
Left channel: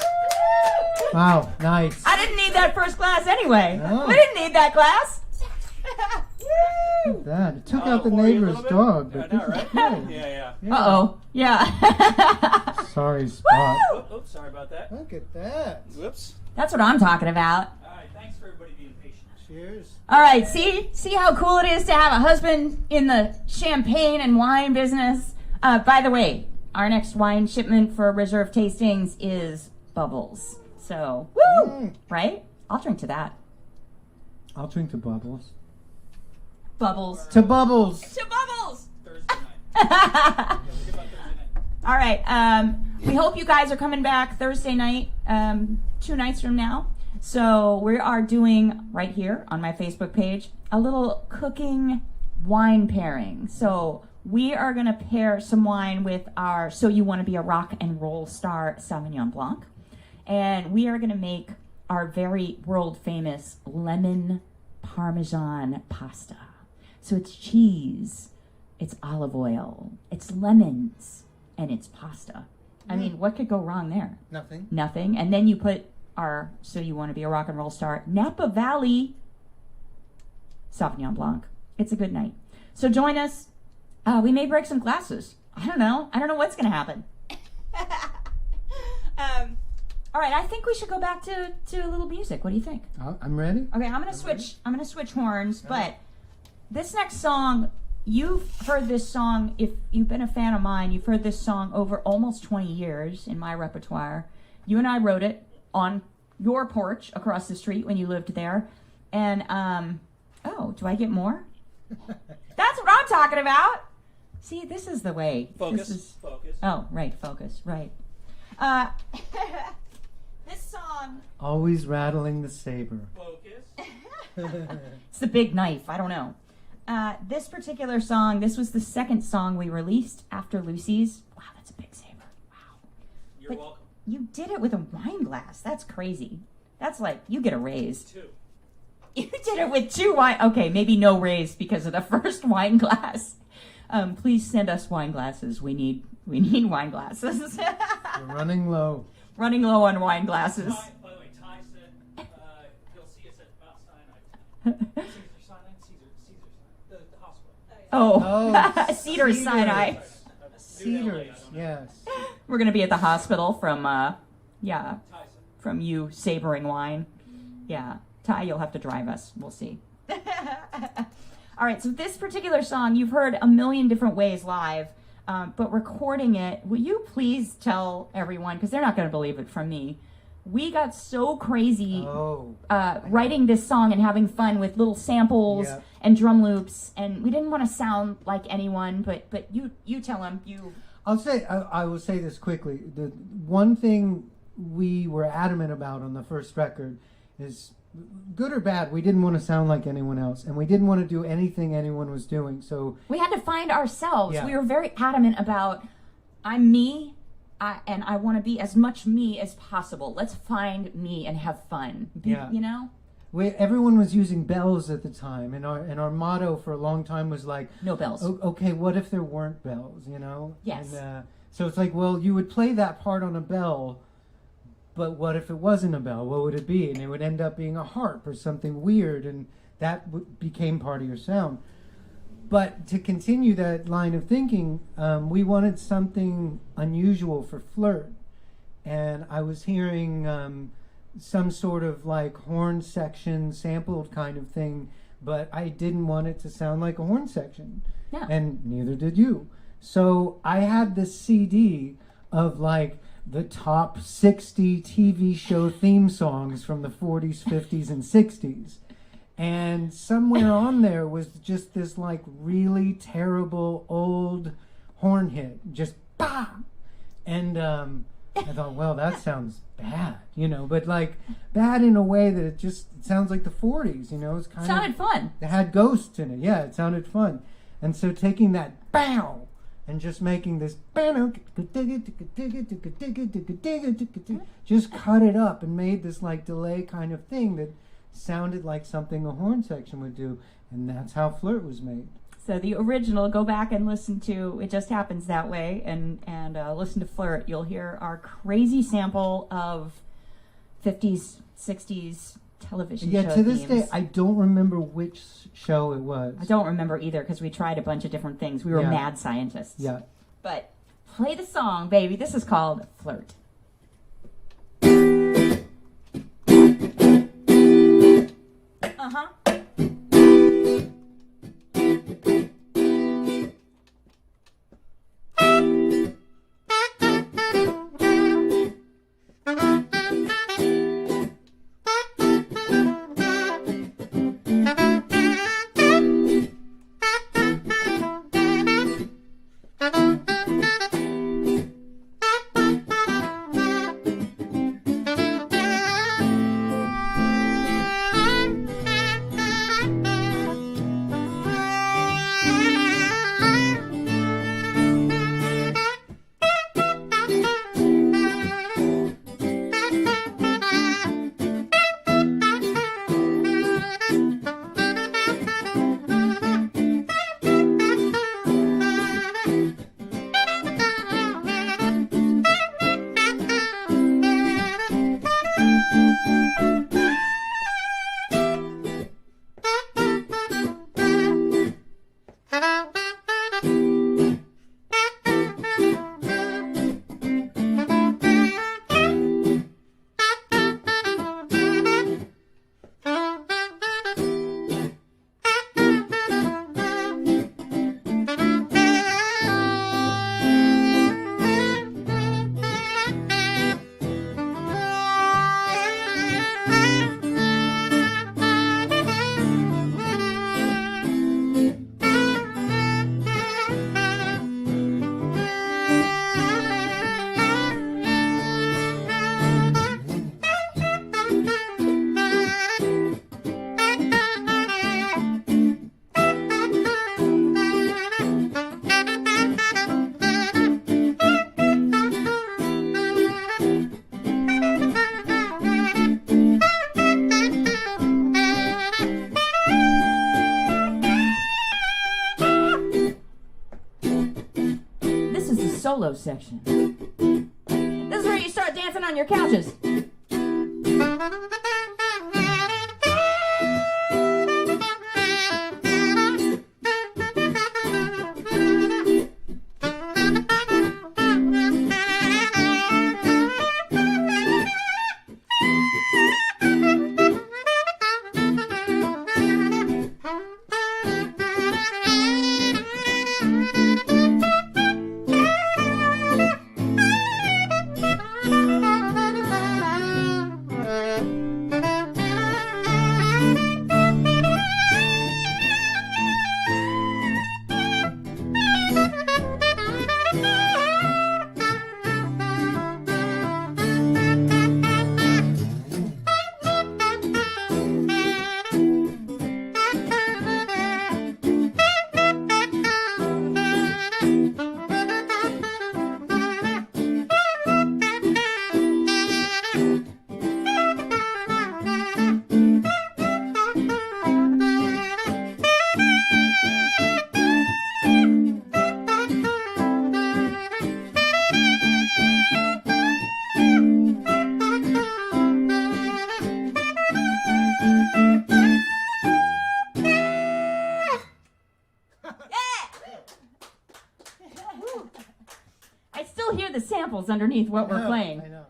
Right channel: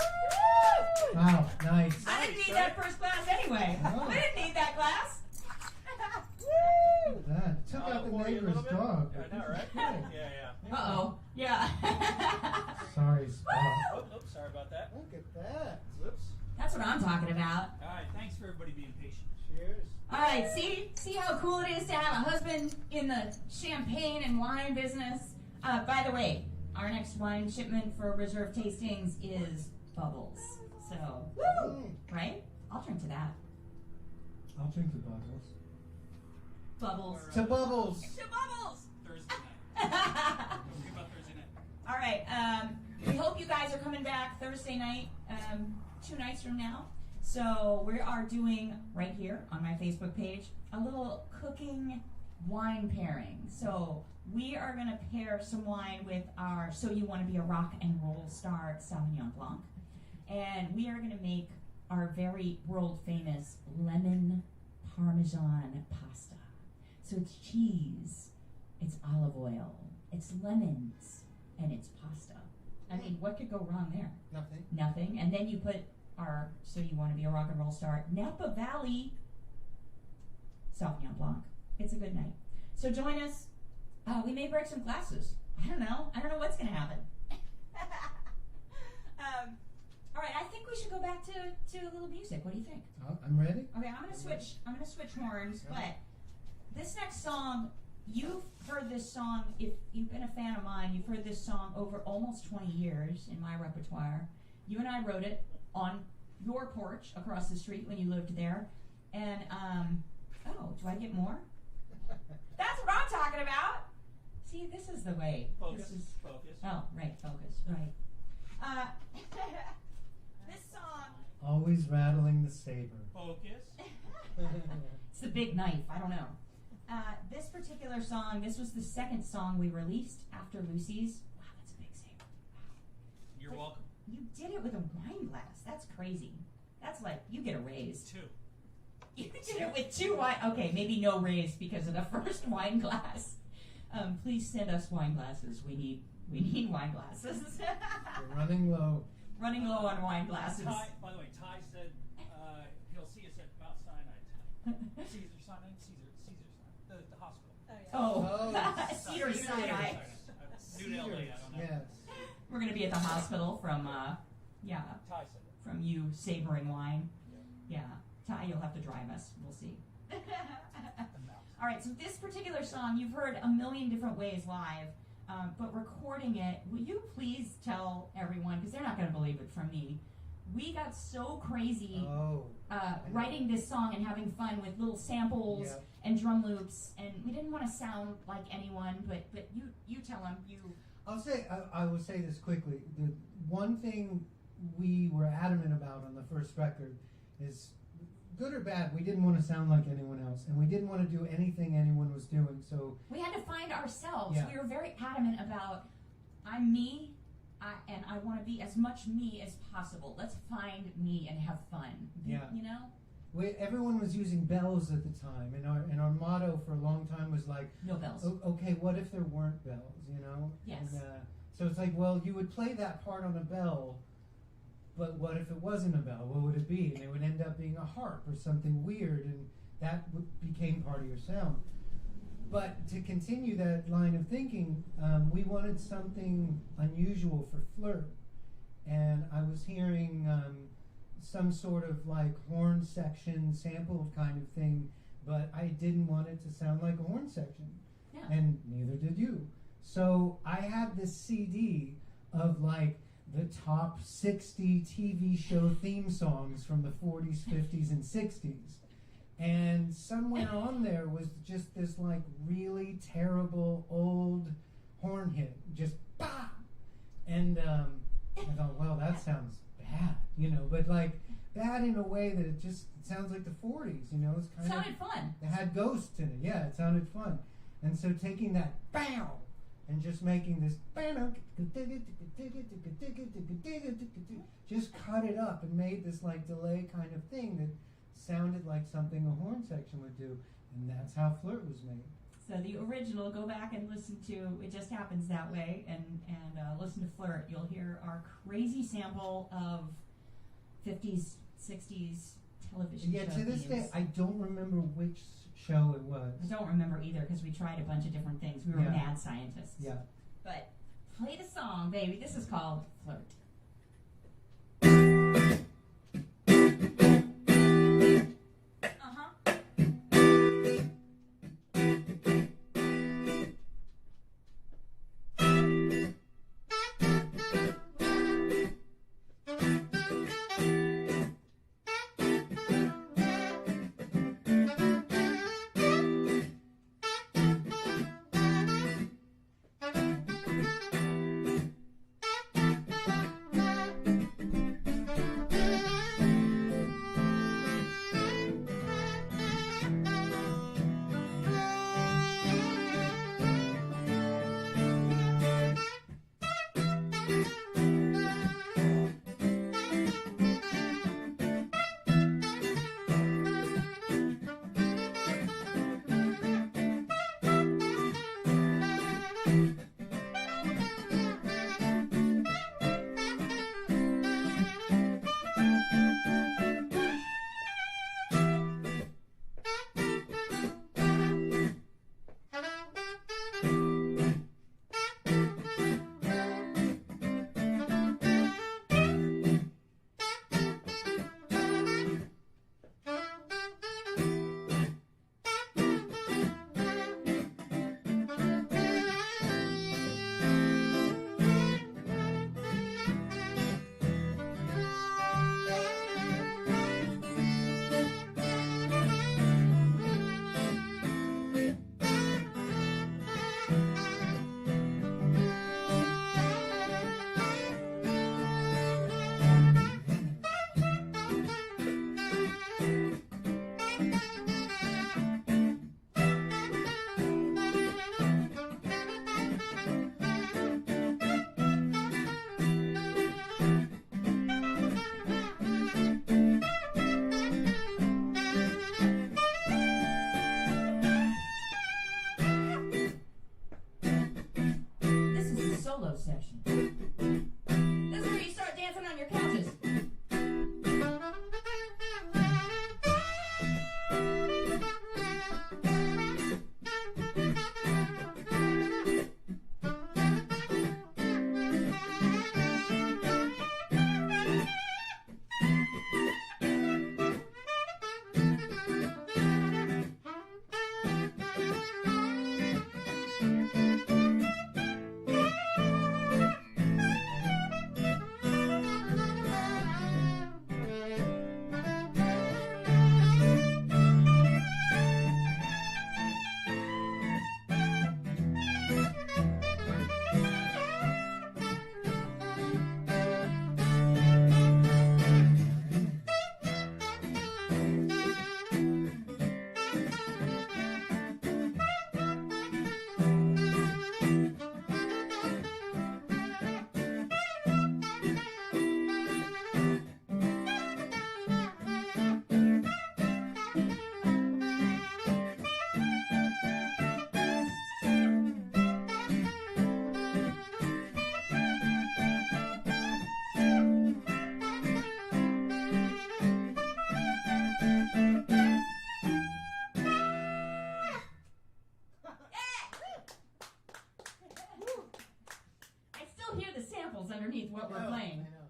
Wow, nice. I didn't need that first glass anyway. Oh. We didn't need that glass. Woo! That it took Oh, out the for you a neighbor's little bit? dog, Yeah, but I know, this right? is good. Yeah. Uh-oh. Yeah. Sorry, Spot. Woo! Oops, sorry about that. Look at that. Whoops. That's what I'm talking about. All right, thanks for everybody being patient. Cheers. All right, see how cool it is to have a husband in the champagne and wine business. By the way, our next wine shipment for reserve tastings is Bubbles. So, woo! Right? I'll drink to that. I'll drink to Bubbles. Bubbles. To Bubbles. To Bubbles! Thursday night. Don't forget about Thursday night. All right. We hope you guys are coming back Thursday night, 2 nights from now. So we are doing right here on my Facebook page a little cooking wine pairing. So we are going to pair some wine with our So You Want to Be a Rock and Roll Star Sauvignon Blanc. And we are going to make our very world famous lemon Parmesan pasta. So it's cheese, it's olive oil, it's lemons, and it's pasta. I mean, what could go wrong there? Nothing. Nothing. And then you put our So You Want to Be a Rock and Roll Star Napa Valley Sauvignon Blanc. It's a good night. So join us. We may break some glasses. I don't know what's going to happen. All right, I think we should go back to a little music. What do you think? I'm ready. Okay, I'm gonna switch horns, but this next song, you've heard this song, if you've been a fan of mine, you've heard this song over almost 20 years in my repertoire. You and I wrote it on your porch across the street when you lived there. And, oh, do I get more? That's what I'm talking about. See, this is the way. Focus. Oh, right, focus, right. This song... Always rattling the saber. Focus. It's the big knife. I don't know. This particular song, this was the second song we released after Lucy's. Wow, that's a big saber. Wow. You're But welcome. you did it with a wine glass. That's crazy. That's like, you get a raise. 2. You did it with 2 wine... Okay, maybe no raise because of the first wine glass. Please send us wine glasses. We need wine glasses. We're running low. Running low on wine glasses. By the way, Ty said he'll see us at Mount Sinai. Caesar Sinai? The hospital. Oh, Cedar Cedars. Sinai. New LA, Cedars, I don't know. yes. We're going to be at the hospital from, Ty said. from you sabering wine. Yeah. Ty, you'll have to drive us. We'll see. All right, so this particular song you've heard a million different ways live, but recording it, will you please tell everyone, because they're not going to believe it from me, we got so crazy writing this song and having fun with little samples and drum loops, and we didn't want to sound like anyone, but you tell them. I will say this quickly. The one thing we were adamant about on the first record is, good or bad, we didn't want to sound like anyone else, and we didn't want to do anything anyone was doing. So we had to find ourselves. Yeah. We were very adamant about, I'm me, and I want to be as much me as possible. Let's find me and have fun. Yeah. You know? Everyone was using bells at the time, and our motto for a long time was like, No bells. okay, what if there weren't bells, you know? Yes. And, so it's like, well, you would play that part on a bell, but what if it wasn't a bell? What would it be? And it would end up being a harp or something weird, and that became part of your sound. But to continue that line of thinking, we wanted something unusual for Flirt. And I was hearing some sort of like horn section sampled kind of thing, but I didn't want it to sound like a horn section. Yeah. And neither did you. So I had this CD of like the top 60 TV show theme songs from the 40s, 50s, and 60s. And somewhere on there was just this like really terrible old horn hit, just bah! And I thought, well, that sounds bad, but like bad in a way that it sounds like the 40s, It's kind Sounded fun. It had ghosts in it. Yeah, it sounded fun. And so taking that bow and just making this just cut it up and made this like delay kind of thing that sounded like something a horn section would do. And that's how Flirt was made. So the original, go back and listen to It Just Happens That Way, and listen to Flirt. You'll hear our crazy sample of 50s, 60s television show to this themes. day, I don't remember which show it was. I don't remember either because we tried a bunch of different things. We were mad scientists. Yeah. But play the song, baby. This is called Flirt. Uh-huh. Solo section. This is where you start dancing on your couches. Samples underneath what we're playing. I know.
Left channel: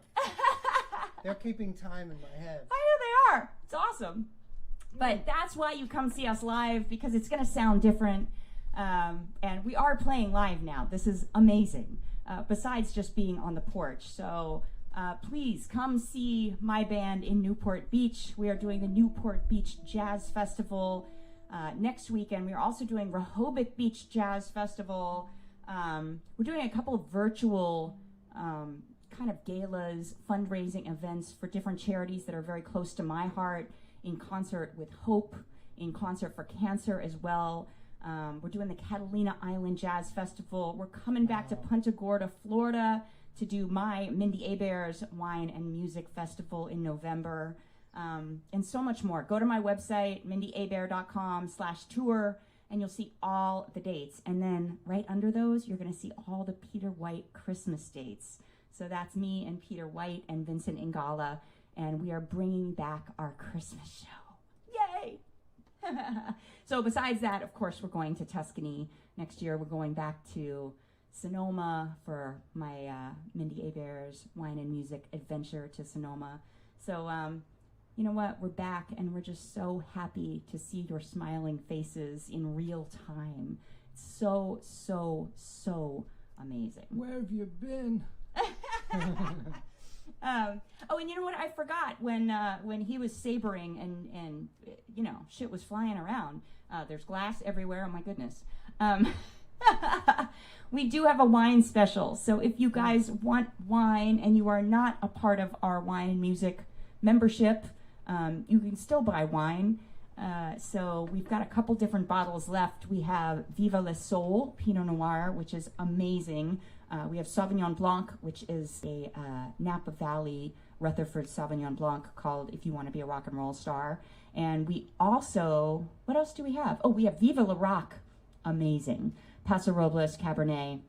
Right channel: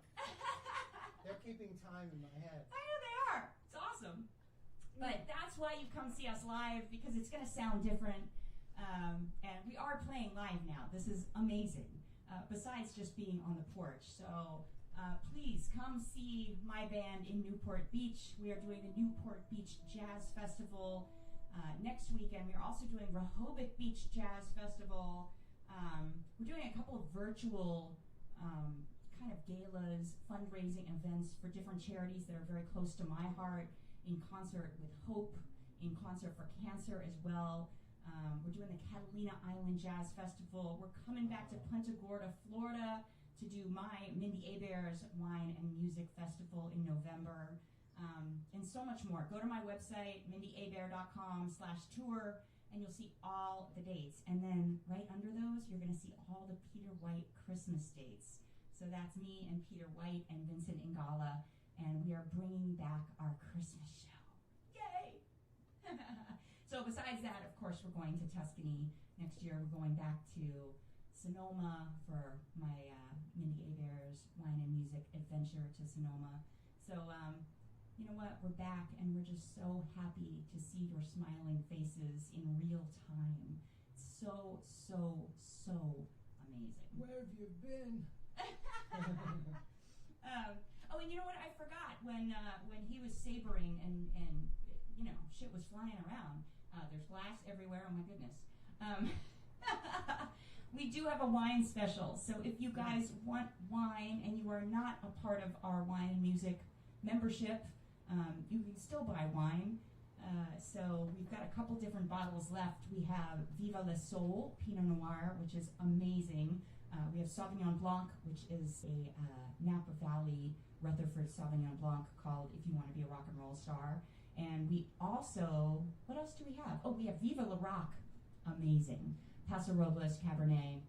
They're keeping time in my head. I know they are. It's awesome. But that's why you come see us live, because it's going to sound different. And we are playing live now. This is amazing. Besides just being on the porch. So please come see my band in Newport Beach. We are doing the Newport Beach Jazz Festival next weekend. We are also doing Rehoboth Beach Jazz Festival. We're doing a couple of virtual kind of galas, fundraising events for different charities that are very close to my heart, in concert with Hope, in concert for cancer as well. We're doing the Catalina Island Jazz Festival. We're coming back to Punta Gorda, Florida to do my Mindi Abair's Wine and Music Festival in November, and so much more. Go to my website, mindyabair.com/tour, and you'll see all the dates. And then right under those, you're going to see all the Peter White Christmas dates. So that's me and Peter White and Vincent Ingala, and we are bringing back our Christmas show. Yay! So besides that, of course, we're going to Tuscany. Next year, we're going back to Sonoma for my Mindi Abair's Wine and Music Adventure to Sonoma. So, you know what? We're back, and we're just so happy to see your smiling faces in real time. It's so, so, so amazing. Where have you been? Oh, and you know what? I forgot when he was sabering and you know, shit was flying around. There's glass everywhere. Oh my goodness. We do have a wine special. So if you guys want wine and you are not a part of our wine and music membership, you can still buy wine. So we've got a couple different bottles left. We have Viva le Sol Pinot Noir, which is amazing. We have Sauvignon Blanc, which is a Napa Valley Rutherford Sauvignon Blanc called If You Want to Be a Rock and Roll Star. And we also, what else do we have? Oh, we have Viva la Rock, amazing. Paso Robles Cabernet.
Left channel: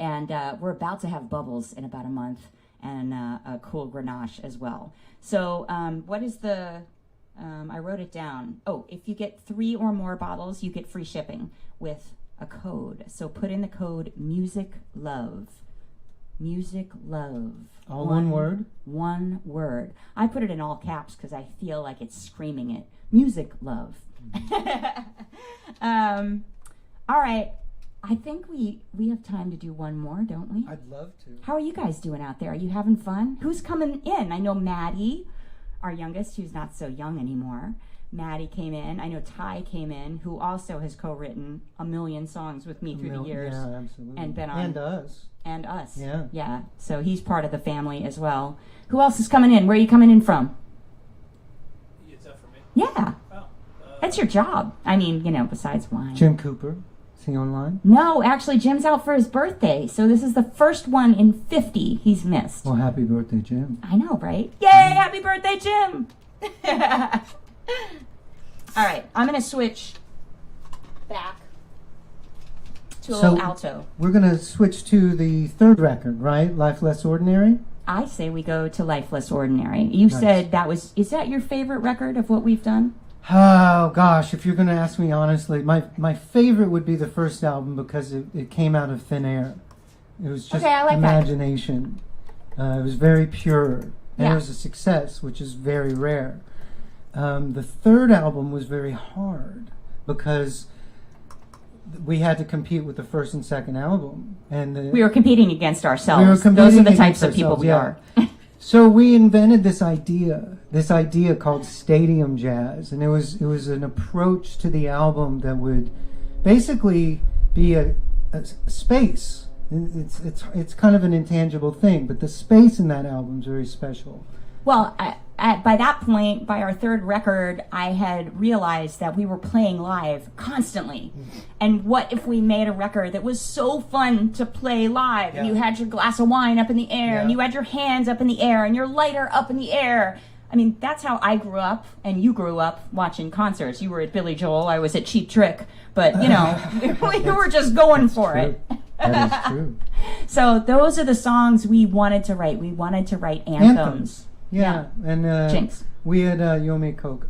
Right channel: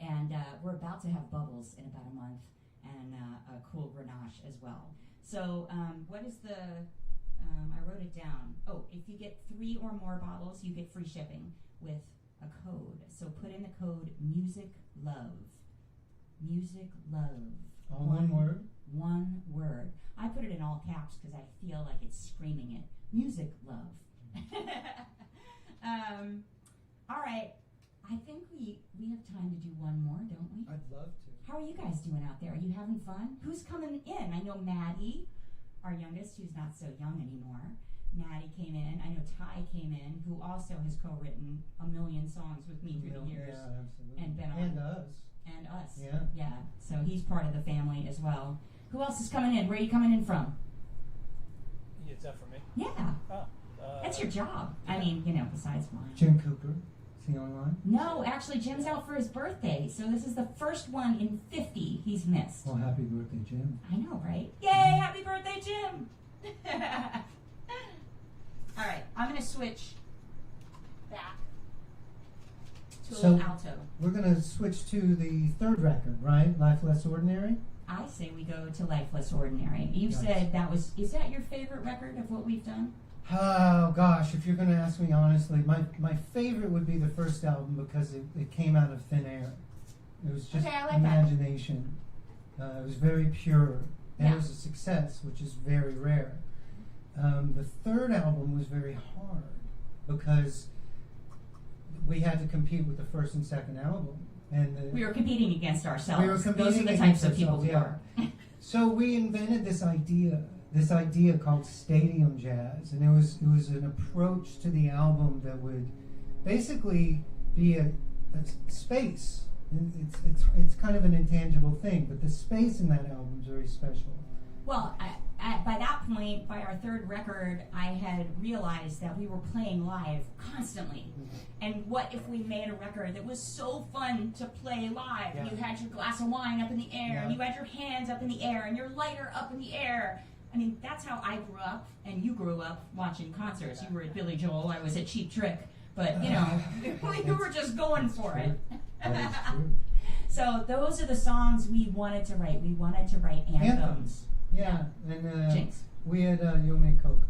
And we're about to have bubbles in about a month, and a cool Grenache as well. So what is the, I wrote it down. Oh, if you get 3 or more bottles, you get free shipping with a code. So put in the code MUSICLOVE. MUSICLOVE. All one word? One word. I put it in all caps because I feel like it's screaming it. Music love. All right. I think we have time to do one more, don't we? I'd love to. How are you guys doing out there? Are you having fun? Who's coming in? I know Maddie, our youngest, who's not so young anymore. Maddie came in. I know Ty came in, who also has co-written a million songs with me through the years. Yeah, absolutely. And been on. And us. And us. Yeah. Yeah. So he's part of the family as well. Who else is coming in? Where are you coming in from? Is that for me? Yeah. Oh. That's your job. I mean, you know, besides wine. Jim Cooper. Is he online? No, actually, Jim's out for his birthday. So this is the first one in 50 he's missed. Well, happy birthday, Jim. I know, right? Yay! Happy birthday, Jim! All right, I'm going to switch back to a little alto. We're going to switch to the third record, right? Life Less Ordinary? I say we go to Life Less Ordinary. You said that was, is that your favorite record of what we've done? Oh, gosh, if you're going to ask me honestly, my favorite would be the first album because it came out of thin air. It was just I like imagination. It was very pure. And Yeah. it was a success, which is very rare. The third album was very hard because we had to compete with the first and second album. And We were competing against ourselves. We were competing Those are the against types of people ourselves, we yeah. are. So we invented this idea called stadium jazz, and it was an approach to the album that would basically be a space. It's kind of an intangible thing, but the space in that album is very special. Well, by that point, by our third record, I had realized that we were playing live constantly. And what if we made a record that was so fun to play live? Yeah. And you had your glass of wine up in the air, and Yeah. you had your hands up in the air, and your lighter up in the air. I mean, that's how I grew up, and you grew up watching concerts. You were at Billy Joel, I was at Cheap Trick. But, you know, we were just going for True. it. That is true. So those are the songs we wanted to write. We wanted to write anthems. Yeah, and Jinx. we had Yomi Coke.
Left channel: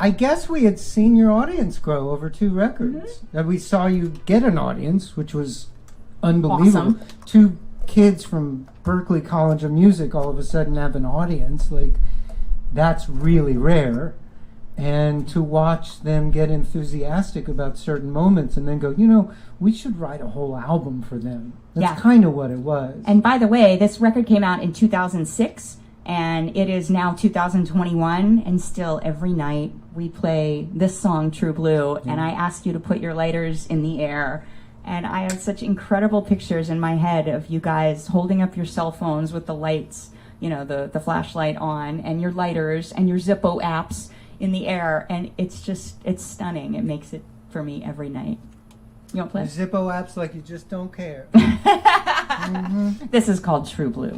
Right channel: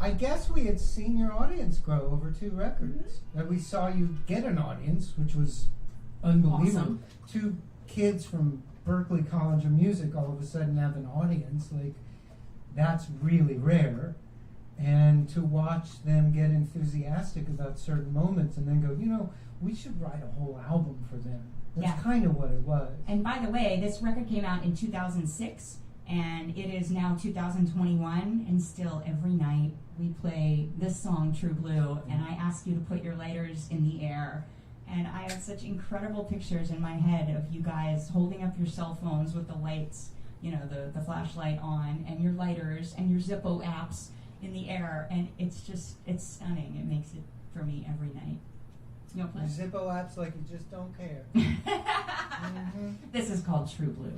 I guess we had seen your audience grow over 2 records. That we saw you get an audience, which was unbelievable. Awesome. 2 kids from Berklee College of Music all of a sudden have an audience. Like, that's really rare. And to watch them get enthusiastic about certain moments and then go, you know, we should write a whole album for them. That's Yeah. kind of what it was. And by the way, this record came out in 2006, and it is now 2021, and still every night we play this song, True Blue, and I ask you to put your lighters in the air And I have such incredible pictures in my head of you guys holding up your cell phones with the lights, you know, the flashlight on, and your lighters and your Zippo apps in the air. And it's stunning. It makes it for me every night. You want to play? Zippo apps like you just don't care. This is called True Blue.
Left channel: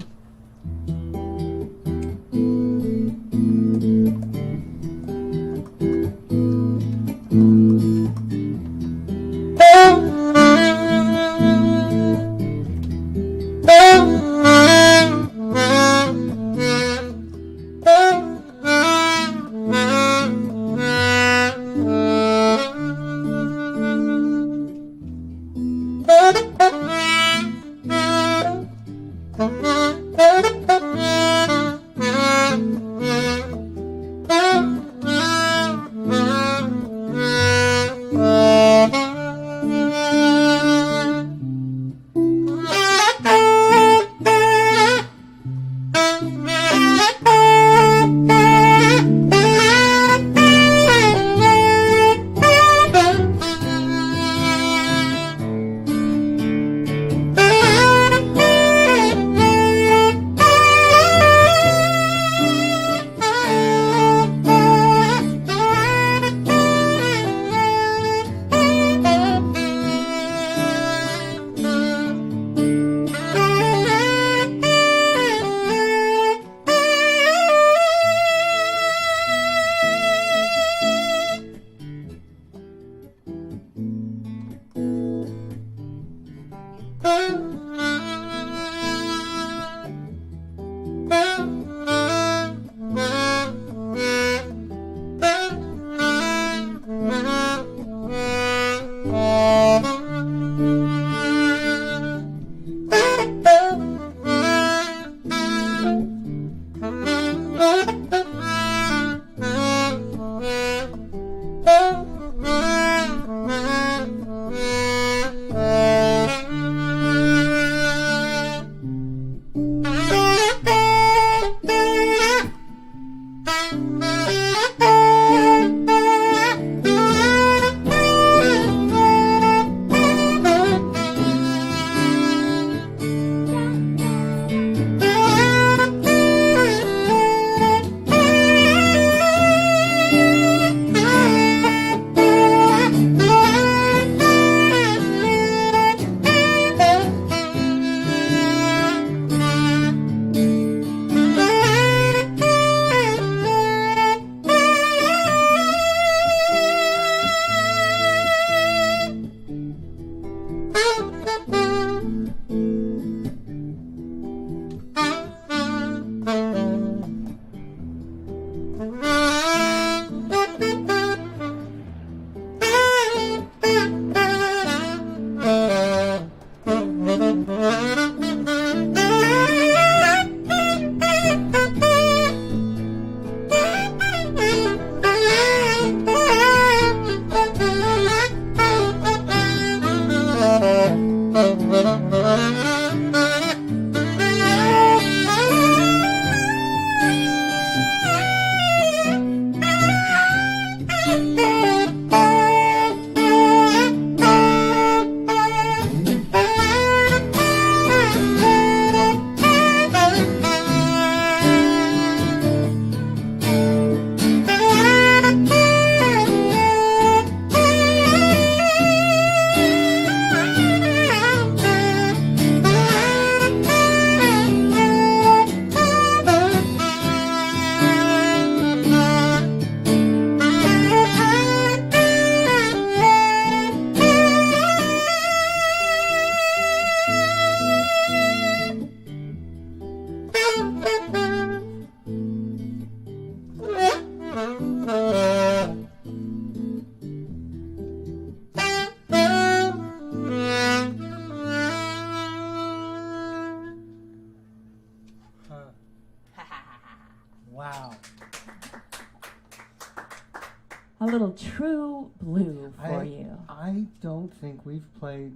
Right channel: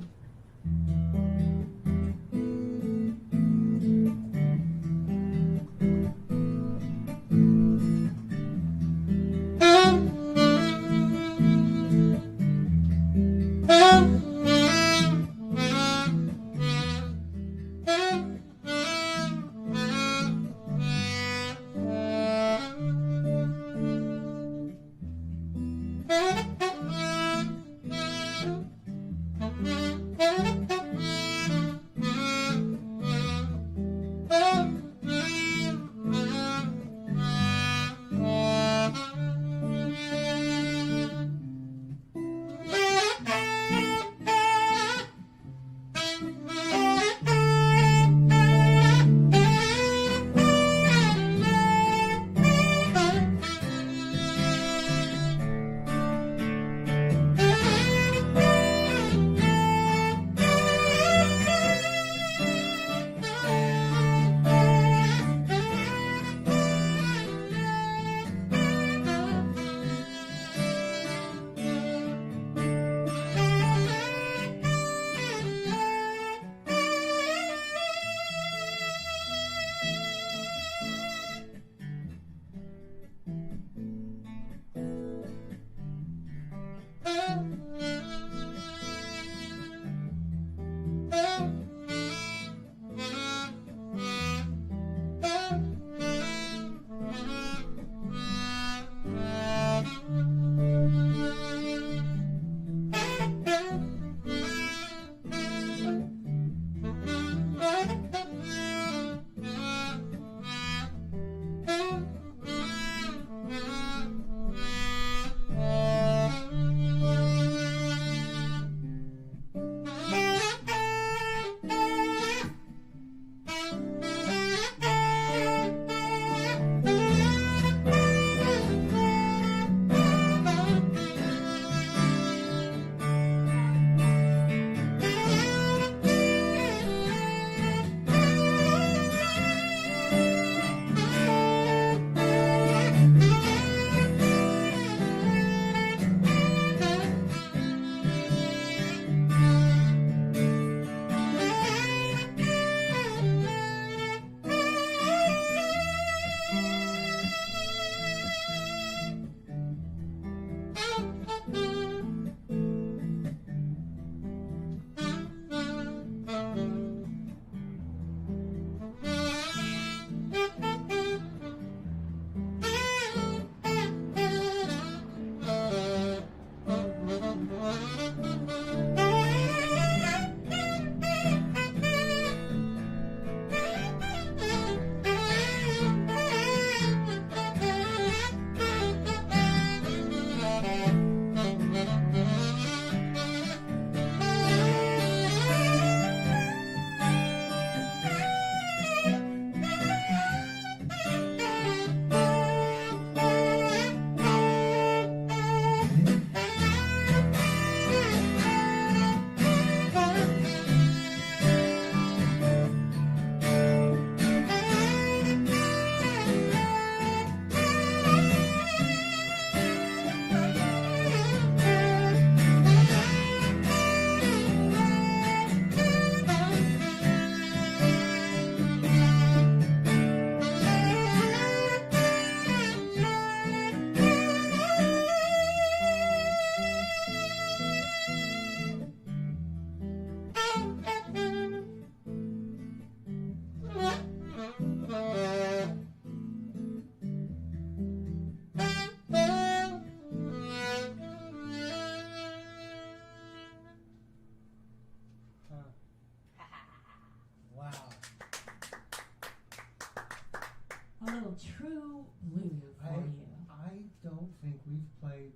A little True Blue for you. I don't think we've played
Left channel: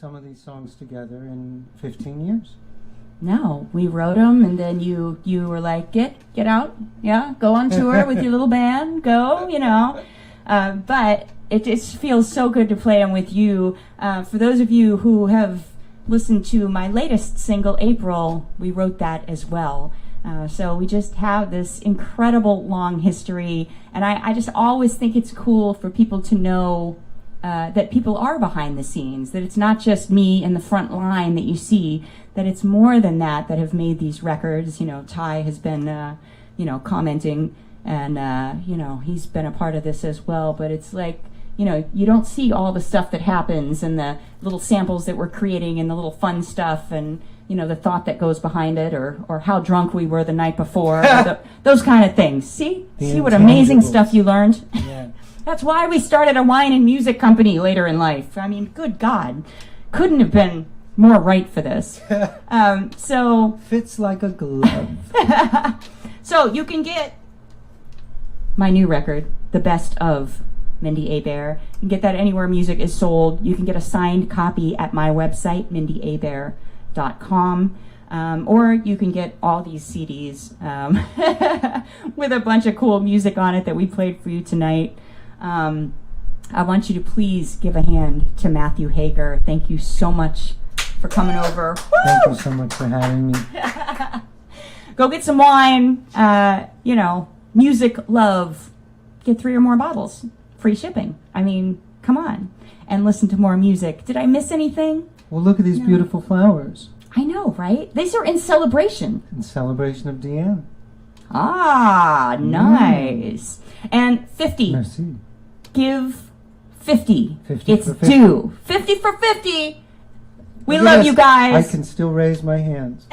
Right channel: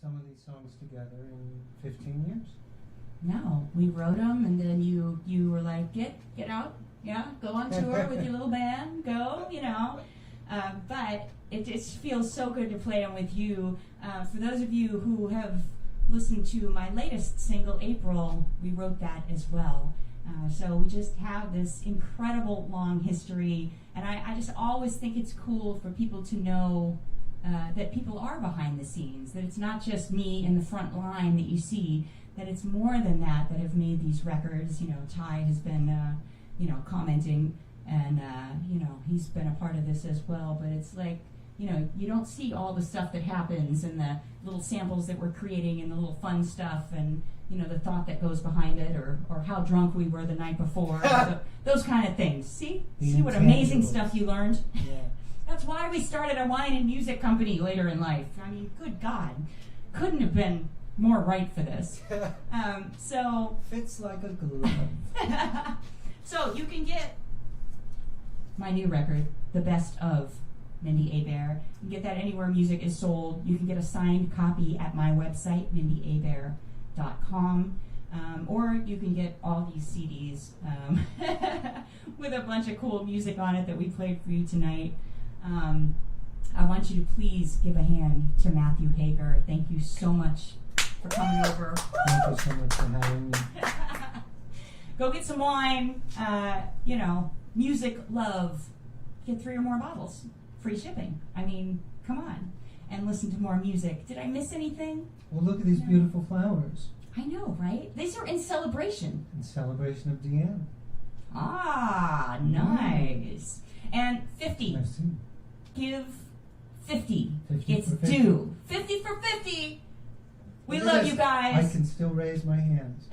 some of these songs together in 15 years. No, we wrote them, and then you were like, get out, yeah, go on tour with your little band, go, you know. But it just feels so good to play them with you. For those of you who have listened to my latest single, April, we wrote that as well. So we just have this incredible long history, and I just always think it's cool for people to know that people are behind the scenes, that it's not just me in the front line that you see, that it's more than that have made these records. You know, Ty has been, commenting, and, he's been a part of this as well, but it's like, you don't see all the stuff that happens and the little samples that we're creating and the little fun stuff and, the thought that goes behind it or how drunk we were the night before, or those kind of things. See what amazing stuff you learned? Yeah. That's why we started a wine and music company later in life. I mean, good God, couldn't have been more right for this. So Fits like a glove. So you can get my new record, The Best of Mindi Abair. You can get that anywhere music is sold. You can get a signed copy at my website, mindyabair.com. Or you can get all these CDs with a bunch of cool music on it that we played for you tonight. I want you to please give a hand to Matthew Hager. Thank you so much for coming over. Thank you so much for having me. Go get some wine, music, love. Get 3 or more bottles. Free shipping. I mean, come on. And listen to more music. Did I miss anything? Well, look at these beautiful flowers. I know, right? These are in celebration. In celebration of Deanne. Ah, nice. And 50. Merci. Give 50. 50 it's for 50. due. 50 for 50. We Yes, love you guys. I can still raise my hands.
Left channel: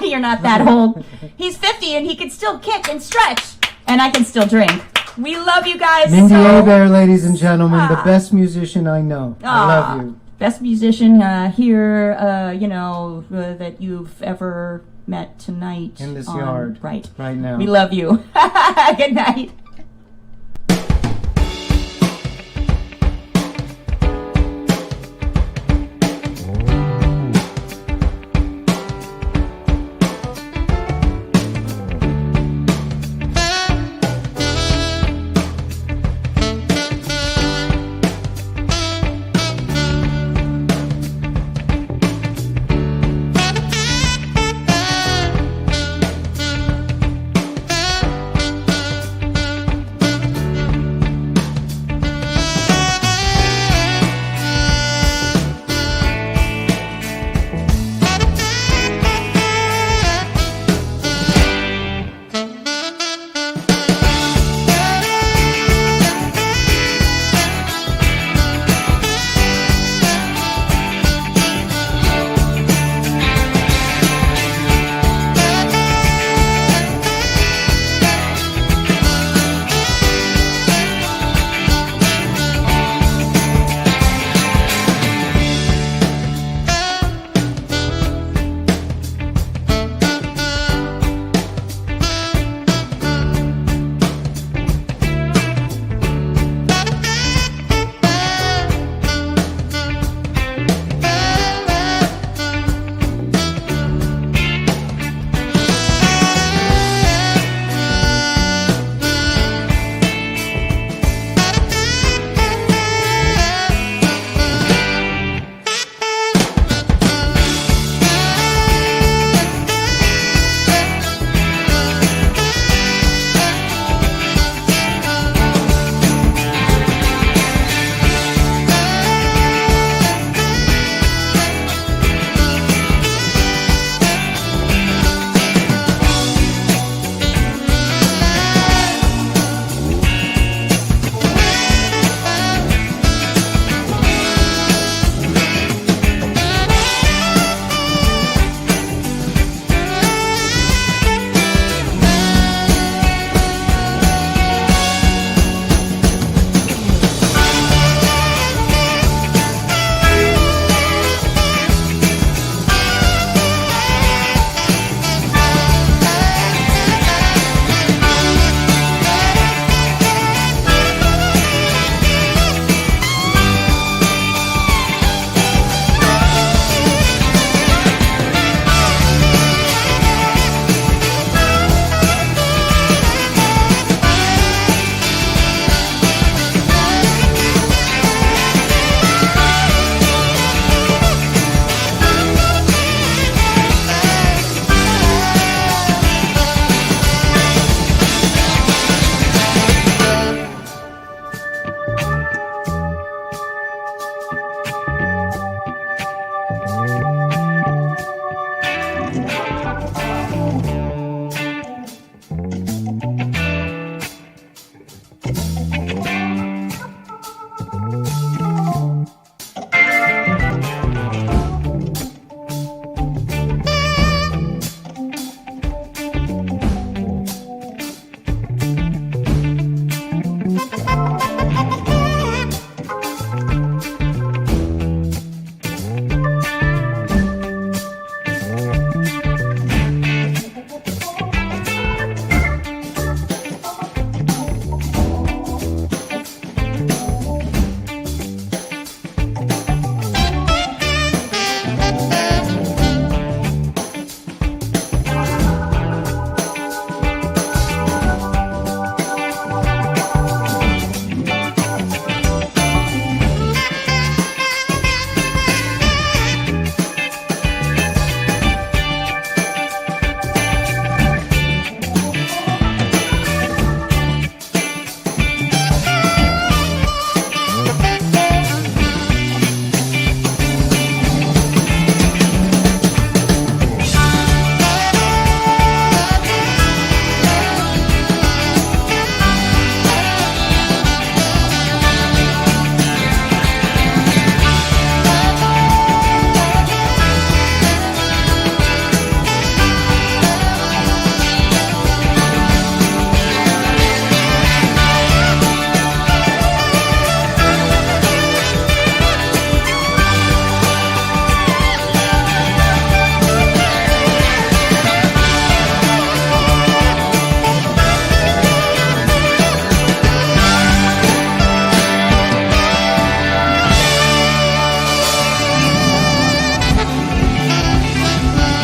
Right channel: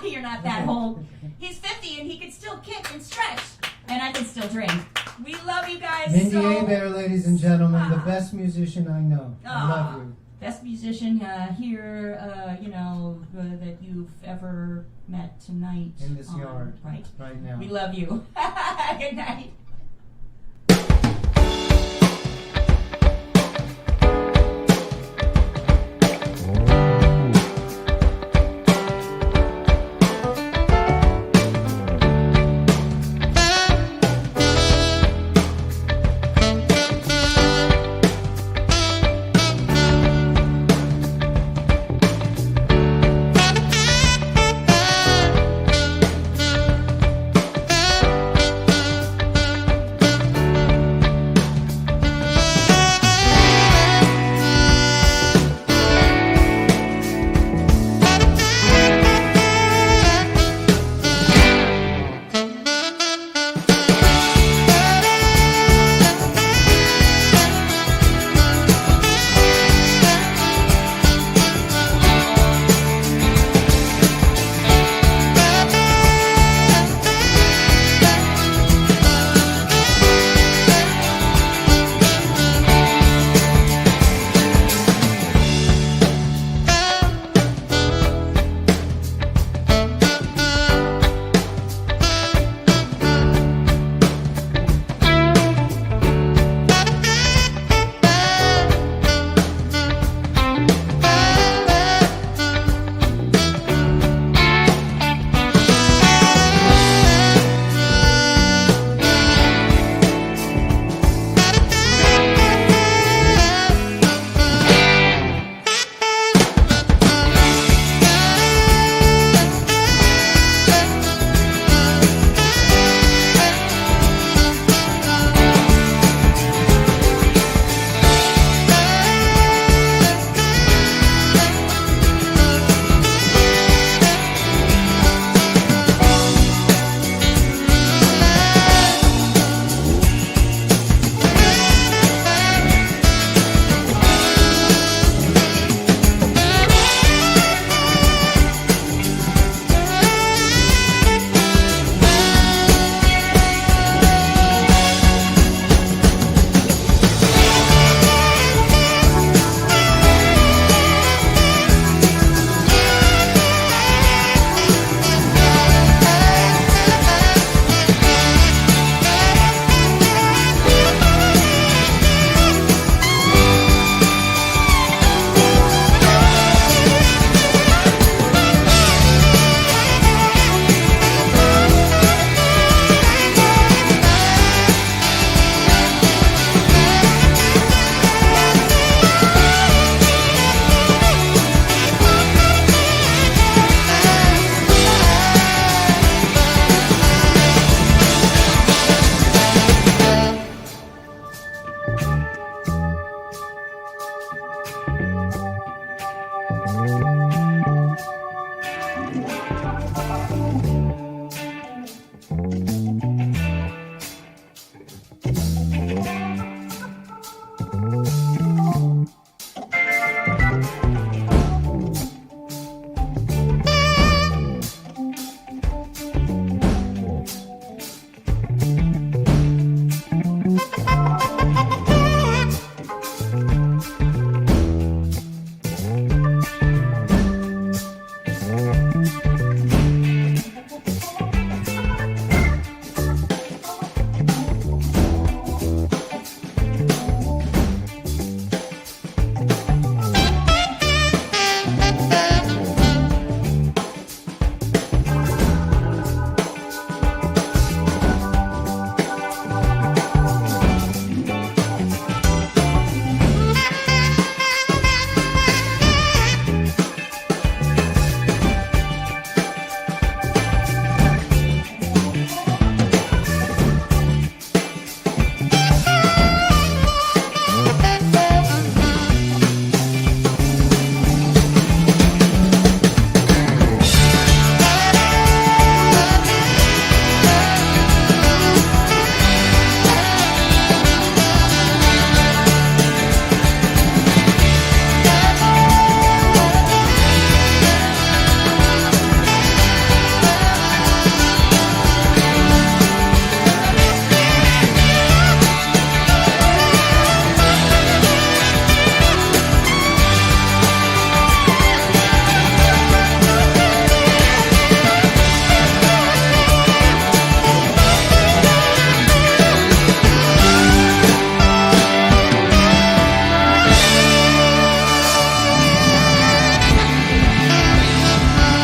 You're not that old. He's 50 and he can still kick and stretch. And I can still drink. We love you guys. Mindi so Abair, ladies and gentlemen, the best musician I know. I love you. Best musician here, that you've ever met tonight. In this yard. Right. Right now. We love you. Good night.